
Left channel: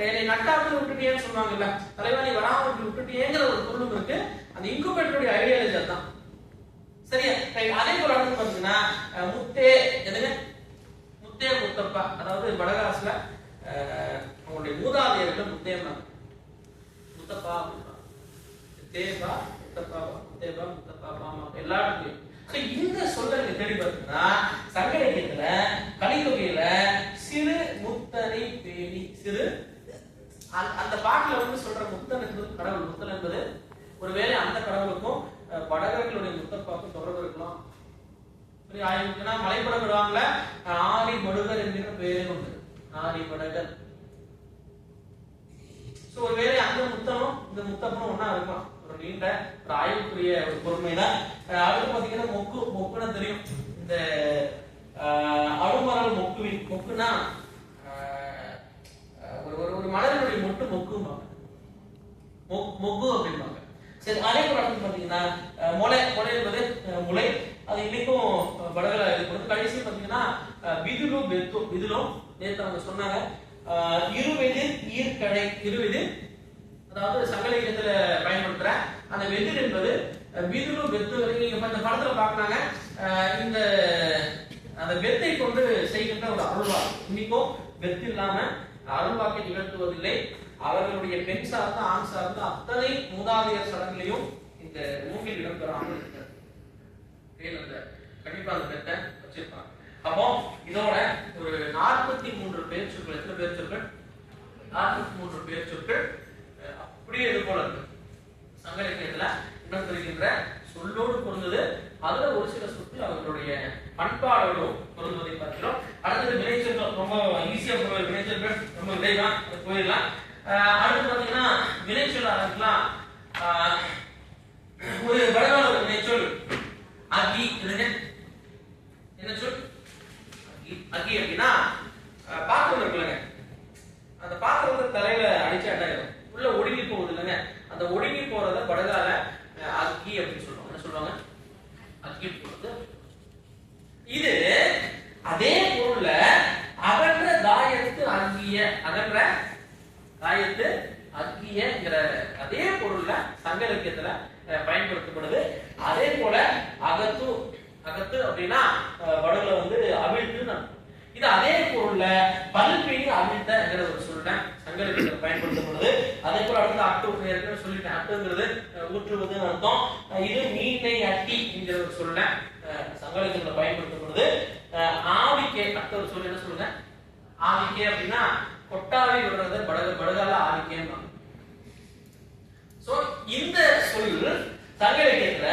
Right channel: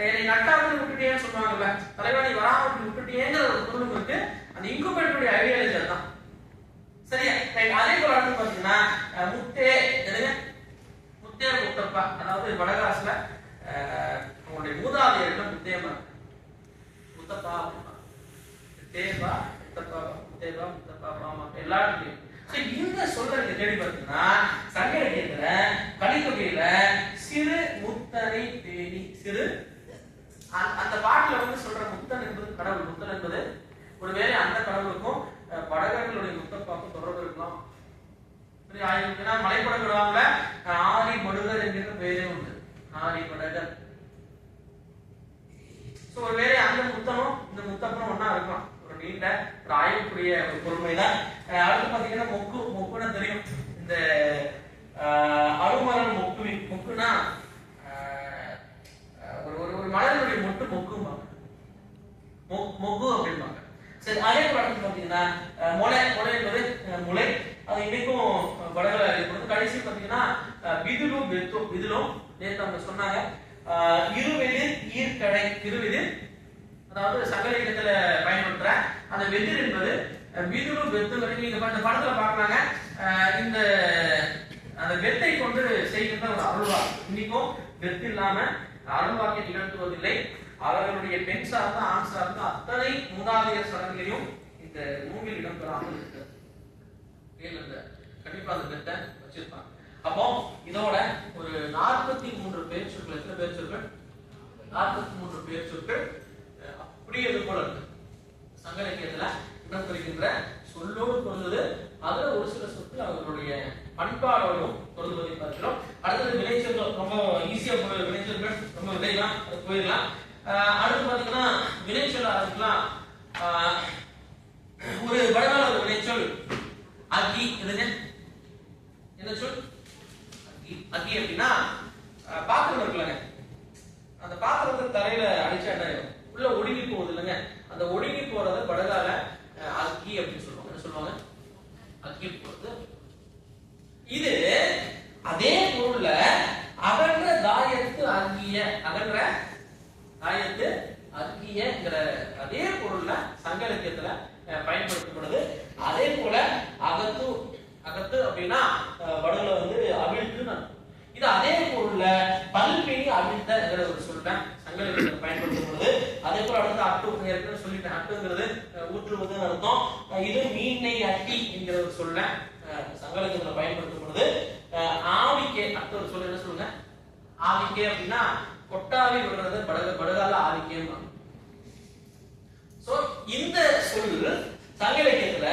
என்னை நட்டாக்கு விட்டுட்டேன்னு சொல்லுவாங்கல்ல, தலைவனை வராம விட்டுட்டேங்கிற ஒரு பொருளும் இருக்கு. அந்த இன்குபேட்டருடைய ஐடியாலஜி தான். சரியா? அதே போல அடுத்து பாத்தீங்கன்னா முத்தே எதுங்க, முத்தே முத்தப்பா, அதாவது வடகாசுல அவங்களுடைய மூதாதையர்கள் முத்தேமா முத்தப்பா தேவா முத்தப்பா முத்தேவா முத்தப்பா பாமா எல்லாருக்கும். இந்த சொல்ல நீங்க தேடி பார்த்தீங்கன்னா சங்க இலக்கியத்துல கலித்தொகையில சிறு முத்தனை பேணி, சிறு அந்த பாட்டுல வந்து சொல்ற முத்தன் என்பது கடவுள். முத்தன் என்பது ஒருவேளை அந்த கடவுளுக்கும் வடகர்களுடைய முத்தப்பாக்கும் தொடர்பு இருக்கலாம். ஏன்னா மலைப்படம் விடுவாங்கல, ஆரி மடுகர் என்கிற பேரே உண்டு, ஆரி மடகர். ஒருவேளை அந்த முத்தனும் இந்த முத்தப்பனும் ஒன்னா இருக்கும். ஒரு நீண்ட ஒரு ஆய்வுக்குரிய ஒரு பொறுமைதான். அடுத்து பாத்தீங்கன்னா மொக்கு, மொக்குன்னா தெரியும், இந்த அருமரல் மொக்குவி. மொக்குனா ஒரு மலர்களுடைய மொட்டு மொக்கும்பாங்க, மொக்கு அப்படிம்பாங்க. சரி, அதே போல அடுத்து பாத்தீங்கன்னா முளை, முளை என்பது முளை. அது இன்னைக்கும் வடகல இருக்கிறது. கடைசி பாத்தீங்கன்னா விதுலும் வெத்தும். விதுலும் நேற்று அவங்க சொன்னாங்க இருவெதிர் ஈர்க்கடை. இருவெதிர் அதாவது சங்க இலக்கியத்துல பயன்படுத்துற அந்த வெதிர் என்பது விதுலும் வெத்து வரைக்கும் நீங்க இந்த படத்துல பாக்குறாங்க. இந்த அந்த வெத்தை கொண்டு செய்கின்ற ஒரு அருள்வா. இன்னைக்கும் வெத்து இல்லாம அருள்வாக்கை நிகழ்த்துவதில்லை. அவர்களுடைய பெண் சார்ந்த ஆண் சார்ந்த அத்தனை மூதாதையர் சடங்குகளையும் இந்த மூங்கில் இடம்பெறாமல் இருக்கிறது. கண்டிப்பா அந்த வெத்தை வச்சிருப்பாங்க. அப்போ இதோட ஒரு 43 பேர் சொற்கள். எத்தனை பேர் சொற்கள்? 43 பேர் சொற்கள் அப்படியே இது போல இருக்கு. சங்க இலக்கியத்துல இடம் பெறுகின்ற சொல்லோடு பொருந்தது. அதுல ஒரு சில சொற்கள் அவர்களுடைய பண்பாடோடும் பொருந்துவதை பார்க்கிறோம். அடுத்தது வினைச்சொற்கள். ரொம்ப ஈஸியா போய் வினைச்சொற்கள் ரொம்ப விரைவா போயிடலாம். அடுத்து பாத்தீங்கன்னா வினைச்சொல் ஆரம்பிக்கலாம். ஒரு வடகால சொல் அகி. என்ன சொல்? அகி அப்படின்னா உள்ள ஒடுங்கி போகுது இல்லைங்க, அந்த ஒடுங்கி போறத படகால அக்கி அப்படின்னு சொல்லுவாங்க. என்ன சொல்லுவாங்க? அக்கி போறது. இது அதே பொருள்ல அகன்ற தாயத்து அங்கிய, அகன்ற தாயத்து அக்கியங்கிற அதே பொருள்ல சங்க இலக்கியத்துல பயன்படுத்தப்படுது. அதே போல அகத்து, அகத்து அப்படின்னா படகுல வந்து அவிழ்த்து. இது அதே பொருள்ல பல்பினி அவிழ்த்தங்கிற ஒரு சொல்ல சங்க இலக்கியத்துல பயன்படுத்தப்படுது. அதே போல அடுத்து அட்டு ஏற்கனவே சொல்லிட்டேன், அட்டுங்கிறது ஊற்றுவதுன்னு அர்த்தம். இது மீனை அட்டி என்கிற ஒரு சொல்ல சங்க இலக்கியத்துல பயன்படுத்தப்படுது. ஆவிக்கே அடுத்த ஒரு சொல்ல என்ன சொல்லுங்க? ஆவிக்கே அப்படின்னா கொட்டாவி விடுறத படகால ஆவிக்கேன்னு. சோ இந்த சொல் சங்க இலக்கியத்துல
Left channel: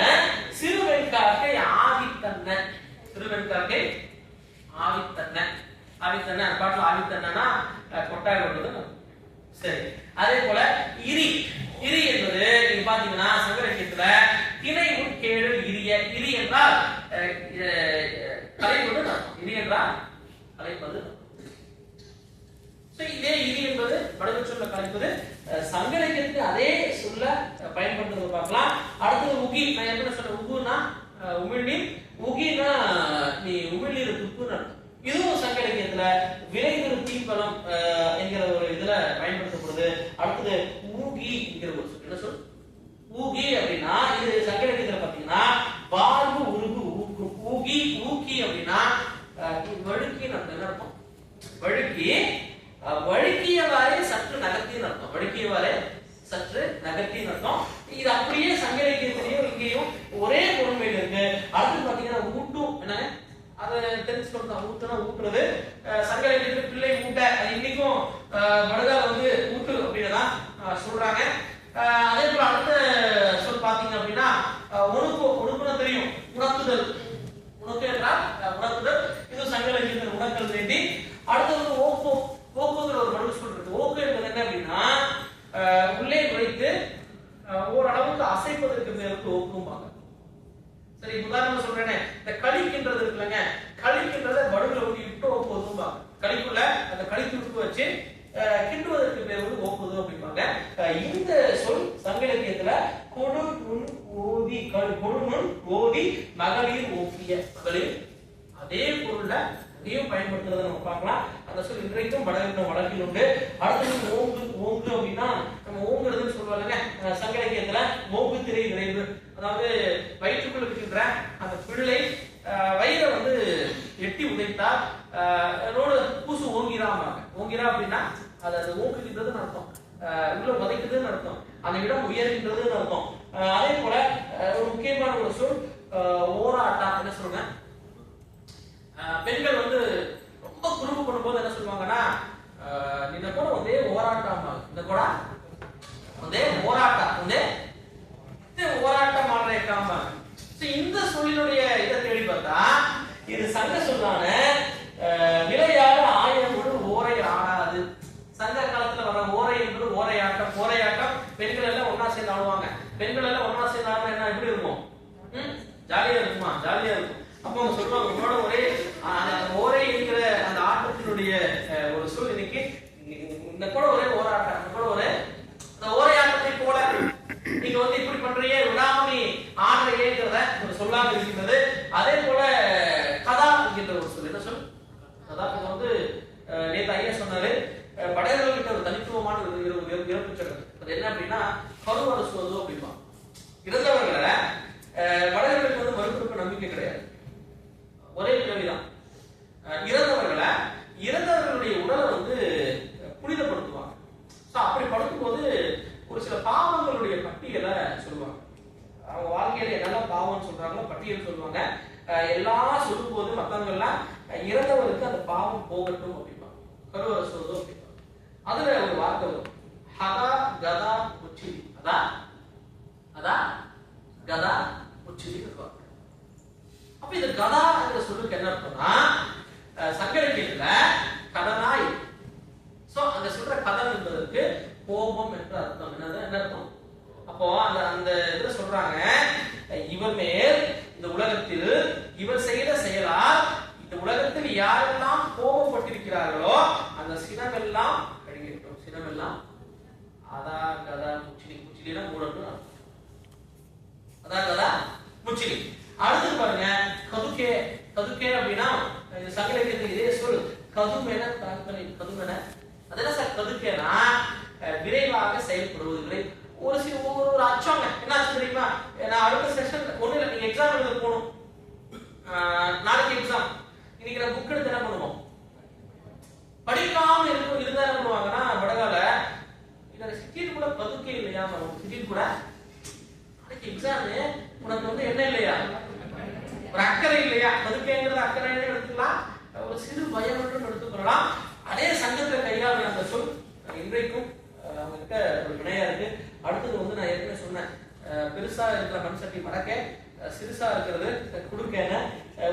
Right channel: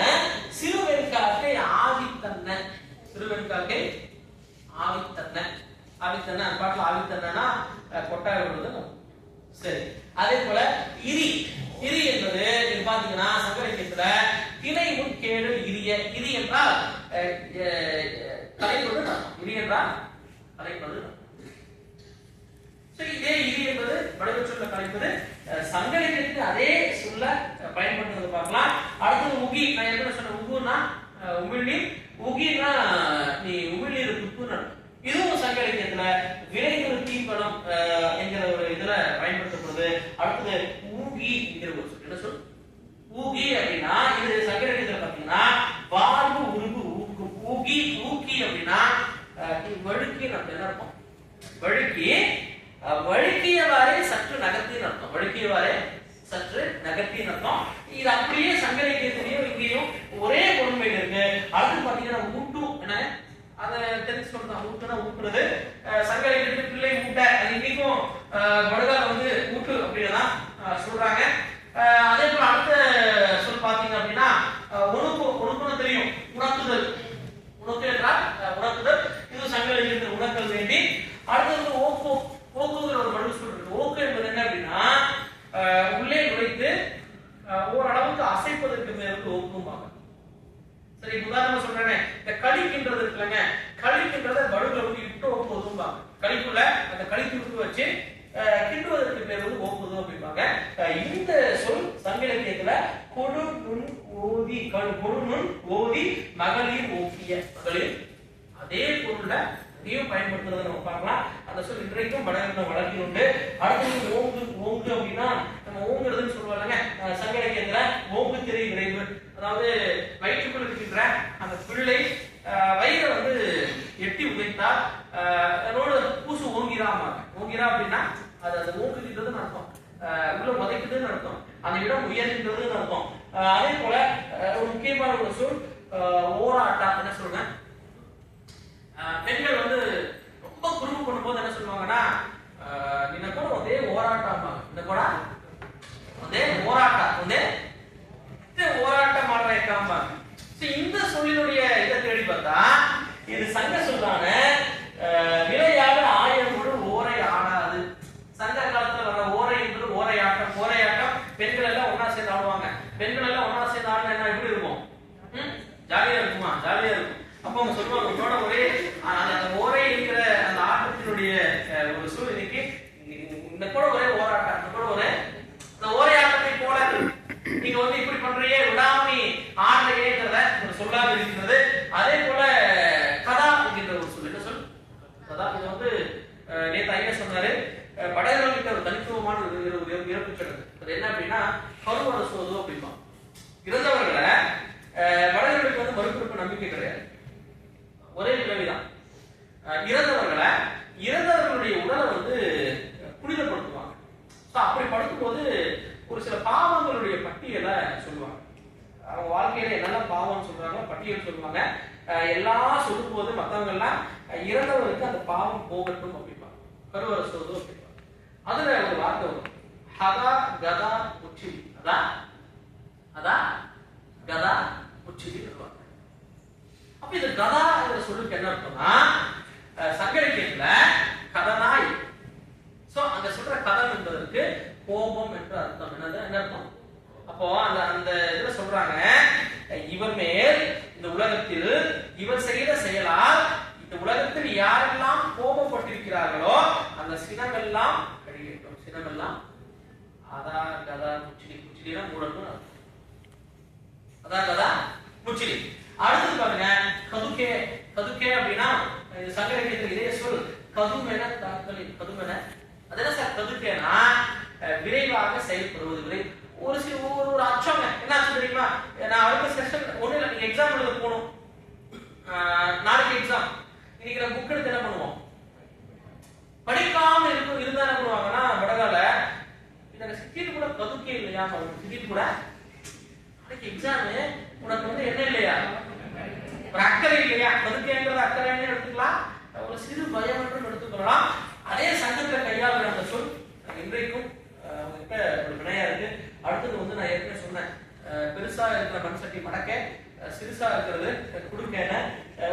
சிறுவெண்காக்கை ஆவித்தன்ன, சிறுவெண்காக்கை ஆவித்தன்ன, ஆவித்தன்ன பாட்டுல ஆவித்தன்னா கொட்டாவி விடுறது. சரி, அதே போல இரி, இரி என்பது நீங்க பாத்தீங்கன்னா சங்க இலக்கியத்துல திணை முன் கேடு இரிய, இரி என்றால் கலைப்பது, இரி என்றால் கலைப்பது. இதே இரி என்பது வடக்கு சொல்ல கலைப்பது. சங்க இலக்கியத்துக்கு அதே சொல்ல பயன்படுத்துறது பார்க்கலாம். அடுத்தது உகி. நான் என்ன சொன்ன? உகுனா உமிழ்நீர், உகினா நீ உமிழ்நீர் துப்புன்னு. இதுவும் சங்க இலக்கியத்துல விளைவு தீபனம் என்கிற ஒரு இதுல பயன்படுத்தப்படுது. அடுத்தது ஊகி என்கிற ஒரு சொல். என்ன சொல்? ஊகி அப்படின்னா இது சங்க இலக்கியத்துல பாத்தீங்கன்னா வாழ்வு உருகு ஊக்கு. ஊகி ஊக்கி அப்படின்னா வழுக்கி என்ன அர்த்தம்? வழுக்கி, வழுக்கியவாறே சற்று நகர்த்தின்னு அர்த்தம். வழுக்கியவாறே சற்று நகர்த்தின்னு அர்த்தம். இது அப்படியே சங்க இலக்கியத்திலையும் இங்கேயும் ஒரே பொருண்மையில இருக்கு. அடுத்து பாத்தீங்கன்னா ஊட்டு, என்ன அதை தெரிஞ்சுக்கணும். ஊட்டுனா ஊட்டுறது. சங்க இலக்கியத்துல பிள்ளை ஊட்ட, அது இன்னைக்கும் படகால வந்து ஊட்டு அப்படின்னு தான் சொல்றாங்க. அதே போல அடுத்த சொல் பாத்தீங்க அப்படின்னா உணக்கு, உணக்குன்னு தெரியும், உணக்குதல். உணக்கு என்றால் உணக்குதல். இது சங்க இலக்கியத்தில் உணக்கல் வேண்டி. அடுத்தது ஓக்கு, ஓக்குங்கிற ஒரு படகு சொல் இருக்கு. ஓக்கு என்பது என்ன அப்படின்னா உள்ளே நுழைத்து ஓரளவுக்கு அசைப்பதற்கு மேற்கு ஓக்கும்பாங்க. சரி, உதாரணமா சொல்றேனே, இந்த களிக்கின்றது இருக்குல்லங்க, களிக்கின்றத படுகுல ஊதி விட்டு ஓக்குவதும்பாங்க. களிக்குள்ள அந்த களித்து விட்டு வச்சு கிண்டுவதற்கு பேர் வந்து ஓக்குது அப்படிம்பாங்க. இந்த சொல் சங்க இலக்கியத்துல கொடு நுண் ஓதி, கொடு நுண் ஓதி மகளிர் ஓக்கிய, மகளிர் அதே பொருள்ல இதையும் பயன்படுத்துறதை நம்ம பார்க்கலாம். அந்த சொல் இன்றைக்கும் வழக்கில் உண்டு. அடுத்தது ஓங்கு. ஓங்கு அப்படின்னா நம்ம ஓங்குறதுன்னு சொல்லுவாங்க சங்க இலக்கியத்துல. ஓங்கு திரை விரைவு, அதாவது வயிற்றுக்குள் இருக்கின்ற அந்த பிள்ளை வயிறை வந்து எட்டி உதைத்தா பூசு ஓங்கிறாமாங்க. ஓங்கிறா அப்படின்னா அது அந்த ஓங்குகின்றதுன்னு அர்த்தம், உள்ள உதைக்குதுன்னு அர்த்தம், அந்த இடம் உயர்கின்றதுன்னு அர்த்தம். அதே போல ஒரு முக்கியமான ஒரு சொல் ஓராட்டா. என்ன சொல்லுங்க? பெண்கள் வந்து ரொம்ப குறும்பு பண்ணும்போது என்ன சொல்லுவாங்கன்னா இந்த கூட ஒரே ஓராட்டமா, இந்த கூட ஒரே ஓராட்டா, ஒரே ஓராட்டம் மாடுறாங்க. இந்த சொல்லினுடைய இதை தேடி பார்த்தா இது சங்க சொல்லான விளையாட ஆயமுடு ஓரை ஆடாது. சங்க காலத்துல வர ஓரை என்பது ஓரையாட்டம். ஓரையாட்டம் பெண்கள் எல்லாம் ஒன்னா சேர்ந்து ஆடுவாங்க. பெண்கள் எல்லாம் ஒன்னா சேர்ந்து ஆடுனா என்ன எப்படி இருக்கும்? ஜாலியா இருக்குமா? ஜாலியா இருக்கும். அப்ப அவங்க சொல்லுவாங்க உங்களோட ஒரே அந்த ஓரை இருக்கிற அந்த ஆட்டத்தினுடைய ஒரு சொல் இன்னைக்கு இந்த கூட ஒரே ஓராட்டம், இந்த கூட ஒரே இந்த ஓரை ஆட்டத்தை போல நீங்க வந்து இப்படி பண்றீங்க விடாமி ஆடலையேங்கிறத ஒரு சொல்லாக இருக்கிறது. அதே போல கதா என்கின்ற ஒரு சொல். என்ன சொல்? கதா. இது வந்து நேற்று ஐயா சொன்னாரு, படையர்களுக்கு ஒரு தனித்துவமான ஒரு இறப்பு சடங்கு. அது என்ன அப்படின்னா கருவரசுவது அப்படிமா. இறந்தவர்களை படையர்களுக்கு வந்து மறுபிறப்பு நம்பிக்கை கிடையாது, ஒரே பிறவிதான். இறந்தவர்களுடைய உடலை வந்து புனிதப்படுத்துவாங்க. அப்படி படுத்தும் போது ஒரு சில பாவங்களுடைய பட்டியலை சொல்லுவாங்க. அவங்க வாழ்க்கையில என்னெல்லாம் பாவம் சொல்றாங்களோ பட்டியல் சொல்லுவாங்க. எல்லாம் சொல்லும் போது மத்தவங்க எல்லாம் இறந்தவருக்கு அந்த பாவம் போகட்டும் அப்படிப்பாங்க, கருவறை சொல்றது அப்படிப்பாங்க. அதுல ஒரு வார்த்தை வரும், ஹதா கதா உச்சிதி. அதா கதா உச்சிதி வார்த்தை. அப்ப இந்த கதா சொல்லுக்கு என்ன அர்த்தம்னா சங்க இலக்கியத்துல கதனாய். சோ அங்க சொல்ற கதம் என்பதற்கு கோபம் என்று அர்த்தம். என்ன அர்த்தம்? அப்போ அந்த இதுல சொல்றாங்க, இவர் மேல் இந்த உலகத்தில் இவர் செய்த செயலால் இந்த உலகத்தில் யாரெல்லாம் கோபப்பட்டிருக்கிறார்களோ அந்த சினமெல்லாம் கழியட்டும், சினமெல்லாம் அதா கதா முச்சிலி, முச்சிலினா மூடன்னு அதா கதா முச்சிலி. அடுத்து பாருங்க கதுக்கே. கதுக்கே அப்படின்னா சங்க இலக்கியத்தில் இதே சொல் கதுமென தாக்கல். கதுமென அது என்ன சார் கதுக்கேனா விரைவாக செயல்படுவது. ஒரு அச்சங்க என்ன ஆச்சு தெரியுமா? நான் அடுத்த செஷன் ஒண்ணு இல்ல, நீங்க எக்ஸாம் எழுத போகணும், நாளைக்கு எக்ஸாம். இன்னைக்கு நான் புக் எடுத்து என்ன பண்ணுவோம், படிக்காம இருந்தா என்ன பண்ணுவாங்கன்னா வடகால இந்த சிட்டியில் கூட கதுக்கே இல்லையா, சிட்டியில் கூட நாளைக்கு எக்ஸாம் உனக்கு வந்து என்ன இல்லையா, ஒரு அக்கறை இல்லையா, கதுக்கேங்கிறது அக்கறைன்னு எடுத்துக்கலாம், ஒரு சிறு பயம் என்றும் எடுத்துக்கொள்ளலாம். அதே சங்கத்துல கையாளுற அந்த சொல் இன்றைக்கும் அவங்ககிட்ட ஒரு வினையா இருக்கு. அடுத்தது வந்து நான் ஏற்கனவே சொன்னேன், பெருசா இருக்கிற மண் சட்டி மடக்க, சிறுசா இருக்கிறது குடுக்கேன.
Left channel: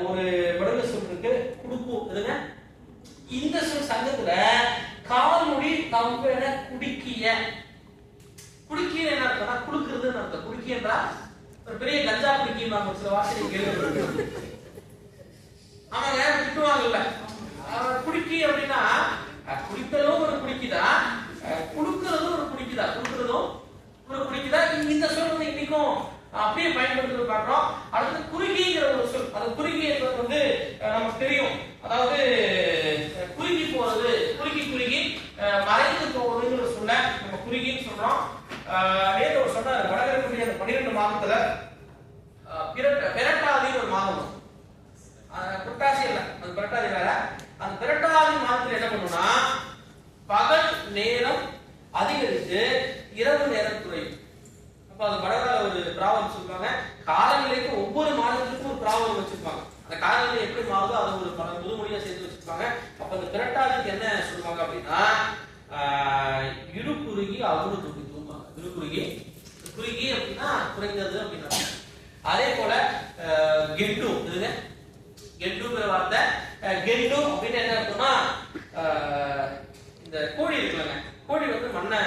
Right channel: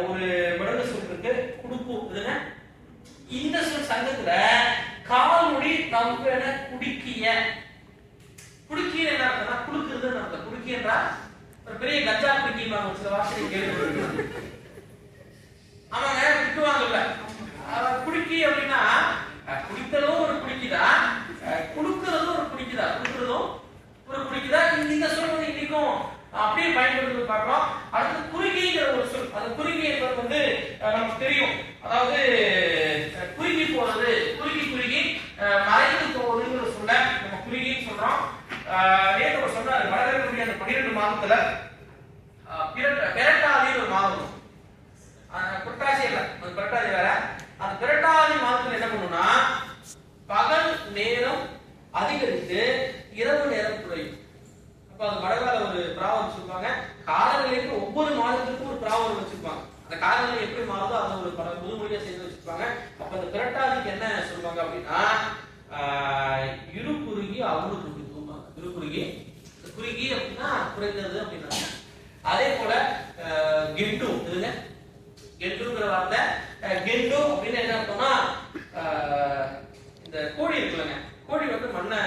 ஒரு விடங்க சொல் இருக்கு குடுப்பு. இதுங்க இந்த சொல் சங்கத்துல கால்மொழி நம்பென குடுக்கிய. குடுக்கிய என்ன அர்த்தம்னா குடுக்குறதுன்னு அர்த்தம். குடுக்கியன்றா ஒரு பெரிய கஞ்சா குடுக்கின்னு ஒரு சில வார்த்தையை கேள்வி. ஆமாங்க விட்டுவாங்கல்ல குடுக்கி அப்படின்னா குடித்தலும் ஒரு குடிக்குதா, குடுக்கிறதும் ஒரு குடிக்குதா, குடுக்கிறதும் ஒரு குடிக்குதா. இந்த சொல் வந்து இன்னைக்கும் அப்படியே பயன்படுத்தி பார்க்கிறோம். அடுத்து குறுகிங்கிற ஒரு சொல். அந்த குறுகி வந்து நமக்கு தெரியும், அதாவது குறுகி போறது, குறுகி மறைந்து போவதுங்கிற சொல்ல நம்ம குறுகின்னு சொல்றோம். நேற்று ஒரு சொன்னாரு வளரக்கூடிய அந்த 12 மாதத்துல பெரட்டாதின்னு ஒரு மாதம், புரட்டாசி இல்ல, அது புரட்டாதி இல்ல, அந்த புரட்டாதி மாதத்துல என்ன பண்ணும்னா பகல் நேரம் அதிகரித்து இரவு நேரம் குறையும். அப்ப அது வடகால ஒரு பிராவம் சொல்லுவாங்க. காலநிலைக்கு ஒவ்வொரு மாதத்துக்கும் ஒரு பிராவம் வச்சிருப்பாங்க. அந்த காலநிலை எப்படி மாறுதோ அதை ஒரு முதுமொழியா சேர்த்து வச்சிருப்பாங்க. அப்ப அந்த புரட்டாதிக்கு என்ன சொல்லுவாங்க அப்படின்னா இருகுறுகி அவரு துடி தூம்பாங்க. இருகுறுகி, குறுகி அப்படின்னா குறைந்தது அப்படின்னா. அதே போல கெட்டு, இதுங்க கெட்டுங்கிற வார்த்தை. கெட்டு அப்படின்னு என்ன அர்த்தம்னா இந்த கோழி இருக்குல்லங்க, கோழி வந்து மண்ணை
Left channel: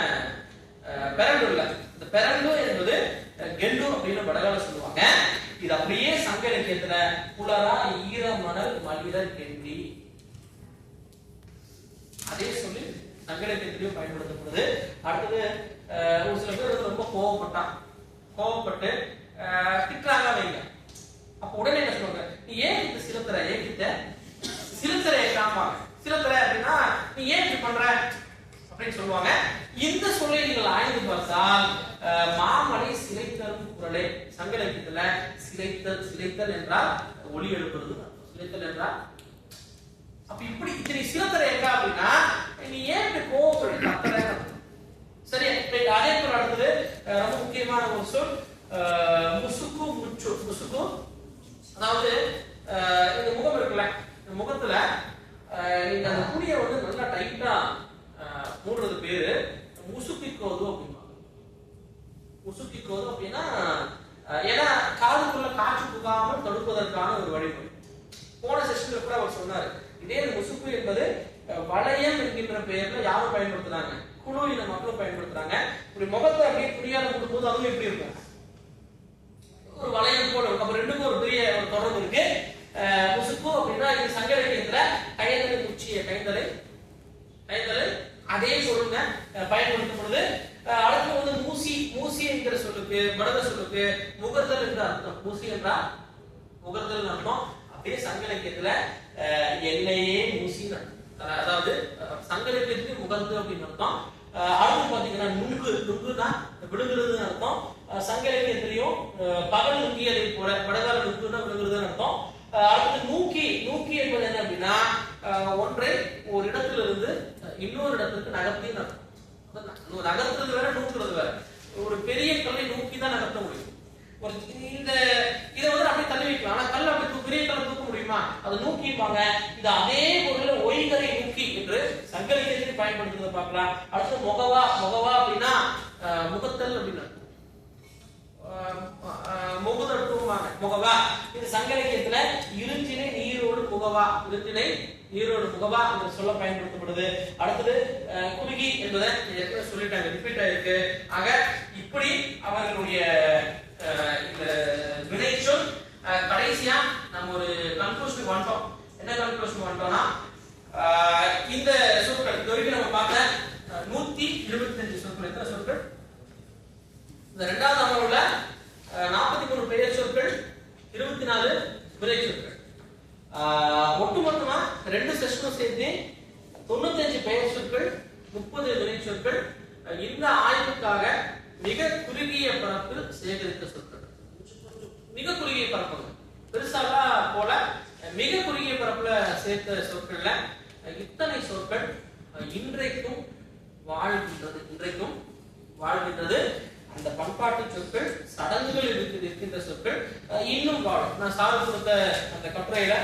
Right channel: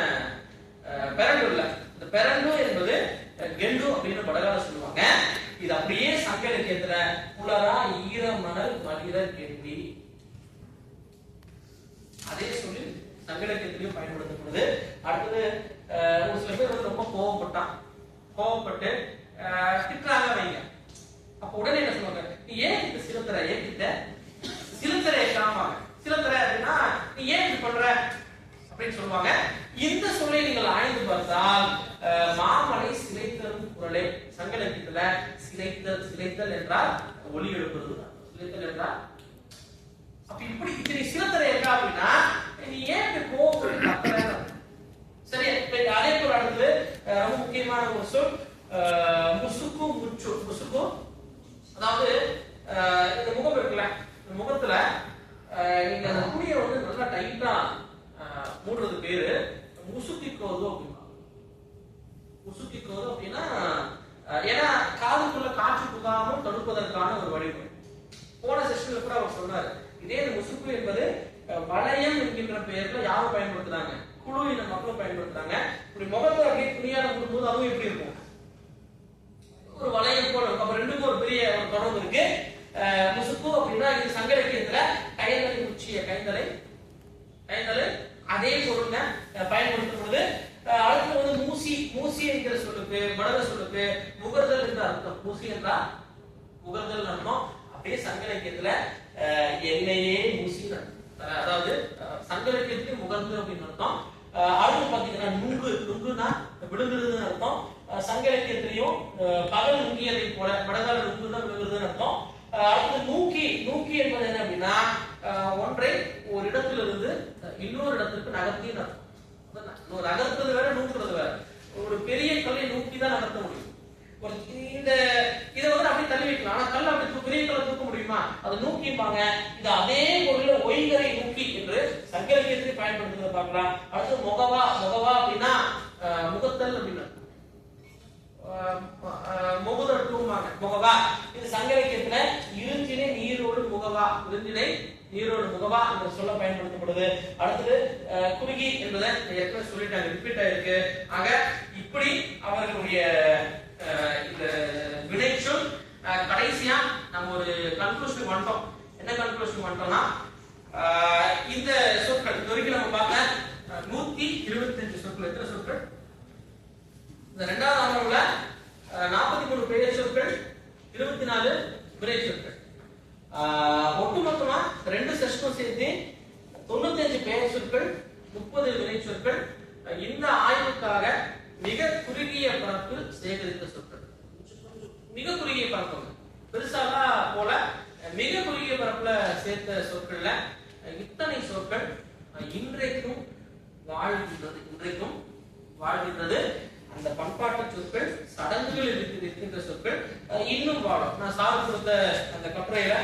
பெரண்டு இல்ல, இந்த பெரண்டு என்பது கெண்டு அப்படின்னு வடகால சொல்லுவாங்க. இது அப்படியே சங்க இலக்கியத்துல புலரா ஈர மணல் மலிர கெண்டி, அதே சொல்லி சங்க இலக்கியத்திலையும் பயன்படுத்தப்படுது. அடுத்தது ஒரு சில பேர் வந்து ரொம்ப கோவப்பட்டு திட்டாங்க வைங்க. அப்ப உடனே என்ன சொல்லுவாங்க, நீ ஏன் இந்த சிலத்தரை ஏக்கிட்ட, சிலத்தரை ஏற்காம, சிலத்தரை அப்படின்னா நீ ஏன் இப்படி பண்ற அப்படின்னு சொல்லுவாங்க. இந்த சொல்லை நீங்கள் ஆய்ந்து பார்த்தால் மாமலை சிலைத்தரும் குரலே. சங்க இலக்கியத்துல சிலைத்தல் என்றால் ஒலி எழுப்புறது, சிலைத்தல் என்றால். அப்ப இப்படி இத்தனை சிலத்தரை இருக்கா அப்படின்னா நீ ஏன் இப்படி கோவப்பட்டு சரியா. அதே போல அடுத்தது ரொம்ப முக்கியமான ஒரு சொல் முசுக்கு முச்சு. முசுக்கு அதாவது இந்த முகம் இருக்குல்ல, இந்த முகத்துல நீங்க அந்த துணியை வந்து நல்லா டைட்டா மூடுறது பேரு முசுக்கிக்கோது அப்படின்னா. முசுக்கிக்கோது அப்படின்னா ஏன்னா காதுக்குள்ள காற்று புகாமல் தடுப்பதற்கான ஒரு வழிமுறை. போன செஷன்ல கூட அவர் சொன்னாரு. இதே முசுக்கு என்பது வளையம் என்கின்ற பெயர்ல யாரும் பயன்படுத்துறாங்க, குழு இந்த மக்களும் பயன்படுத்துறாங்க. ஒரு முகத்தை அப்படியே துணியால மூடும்போது அதுவும் எப்படி இருக்கும், ஒரு வளையம் போல இருக்கும். அப்ப ரெண்டுக்கும் ஒரு பெரிய ஒரு தொடர்பு இருக்கு. முசுக்கு அப்படின்னா இது சங்க இலக்கியத்துல கைந்தலை முச்சிய, கைந்தலை அதே சொல்லுங்க பயன்படுத்தப்படுது. அடுத்து வந்து மூசி என்கிற சொல்லுக்கு வடக சொல்லுக்கு முகர்தல் என்ற அர்த்தம். மூசி என்றா முகர்தல் அர்த்தம். அப்படியே சங்க இலக்கியத்துல எண்ணெயே மூசின்னு, அதாவது சங்க இலக்கியத்துக்கு முகர்ந்து அப்படின்னு அர்த்தம். அடுத்து பாத்தீங்கன்னா நுங்குனா விழுங்குறதுன்னு அர்த்தம். சங்க இலக்கியத்திலையும் பகல் நுங்கியதை போல வடகால நுங்குனா விழுங்குறதுன்னு அர்த்தம். அடுத்து நூக்கி என்பது என்ன அப்படின்னா ஒன்றை ஒரு இடத்திலிருந்து இன்னொரு இடத்துக்கு நகர்த்தின்னு அர்த்தம். நகர்த்துறது வேற, நூக்குறது வேற. ஒரு பெரிய கல்லை நூக்கி தான் நகர்த்த முடியும். இந்த இதை வந்து அப்படியே தள்ளி வைக்கலாம். ஆனா கல் அப்படி பெரிய கல்லை தூக்க முடியுமா, அது நூக்கிப்பாங்க. இது அதே பொருள் ஒய்கரை நூக்கி என்று சங்க இலக்கியத்திலே பயன்படுத்துறதை பார்க்கலாம். அடுத்து முகவா அப்படின்னா முகத்தல் அப்படின்னு முகுதட்டுவாங்க. முகவா இது சங்க இலக்கியத்துல இருஞ்சினை நீரோடு முகவா, இருஞ்சினை நீரோடு முகவா என்ற சொல்ல பயன்படுத்தப்படுது. அடுத்தது குறுகி என்பதை சொல்லிட்டாங்க, ரிப்பீட் ஆயிருக்கு. ஆக இப்படி அவர்களுடைய இந்த வினைச்சொல். கடைசியா நம்ம ஒரு கன்க்ளூஷன் வந்துட்டோம். என்ன கன்க்ளூஷன் வந்துட்டோம்னா இந்த சொற்கள் இது வரைக்கும் நம்ம பார்த்த 125 சொற்கள் சொற்கள் எத்தனை சொற்கள்? இந்த இரண்டாவது அமர்வுல 43 பெயர் சொற்கள், 24 வினை சொற்கள். ஒட்டுமொத்தமா 2 செஷனும் சேர்த்து 95 பெயர் சொற்கள், 30 வினை சொற்கள். இந்த ஆய்வுக்காக மிக குறுகிய பரப்பு சேகரித்த சொற்கள். மிக குறுகிய பரப்பு பெருசாலாம் போல மிக குறுகிய பரப்புல சேர்த்த சொற்கள்ல இத்தனை சொற்கள் இன்றைக்கும் வாழ்கின்றது. அந்த பண்பாட்டு சொற்கள், சடங்குகள் இருக்கின்ற சொற்கள் இன்னும் வாழும். நான் சார் கொடுத்த அந்த கட்டுரையில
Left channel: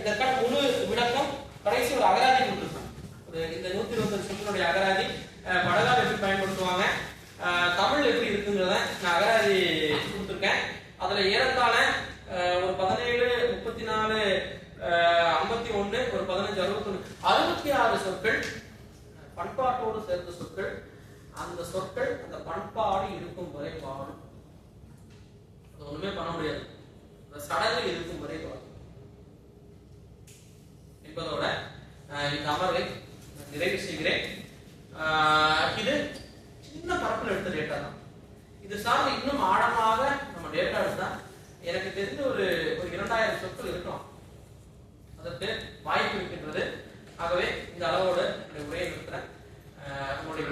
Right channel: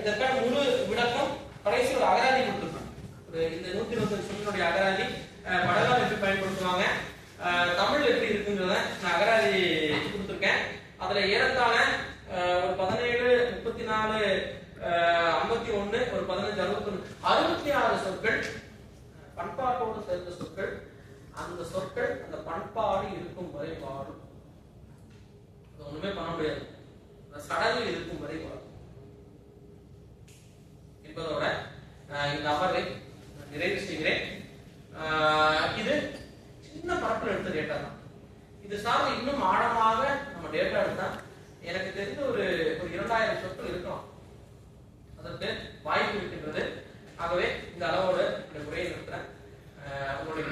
இதற்கான முழு விளக்கம் கடைசி ஒரு அகராதி கொடுத்துருக்கோம். இந்த 120 சொல்லினுடைய அகராதி வடகால் எப்படி பயன்படுத்துவாங்க, தமிழ் எப்படி இருக்குங்கிறத நான் அகராதி கொடுத்துருக்கேன். அதுல ஏறத்தாழ ஒரு 17, 34, 51, ஒரு 15, 61, 66 சொற்கள் பண்பாட்டோடு சேர்ந்த சொற்கள். அந்த சொற்கள் அந்த பண்பாடு இருக்கும் வரை வாழும். அது ஒண்ணுமே பண்ண முடியாது. அந்த சடங்கு இருக்கும் வரை வாழும் என்பதோட இந்த அமர்வை நிறைவு செய்கிறேன். இது சின்ன பரப்பில் எடுத்த டேட்டா தான். இது சார்ந்து இன்னும் ஆழமாக நம்ம டேட்டா எடுத்தா எனக்கு தெரிஞ்ச ஒரு 2000 சொற்கள் இருக்கலாம். அதற்கு வாய்ப்பு இருக்கின்றது. ஆகவே இந்த அளவோடு இந்த உரையை நிறுத்துறேன். உங்களுடைய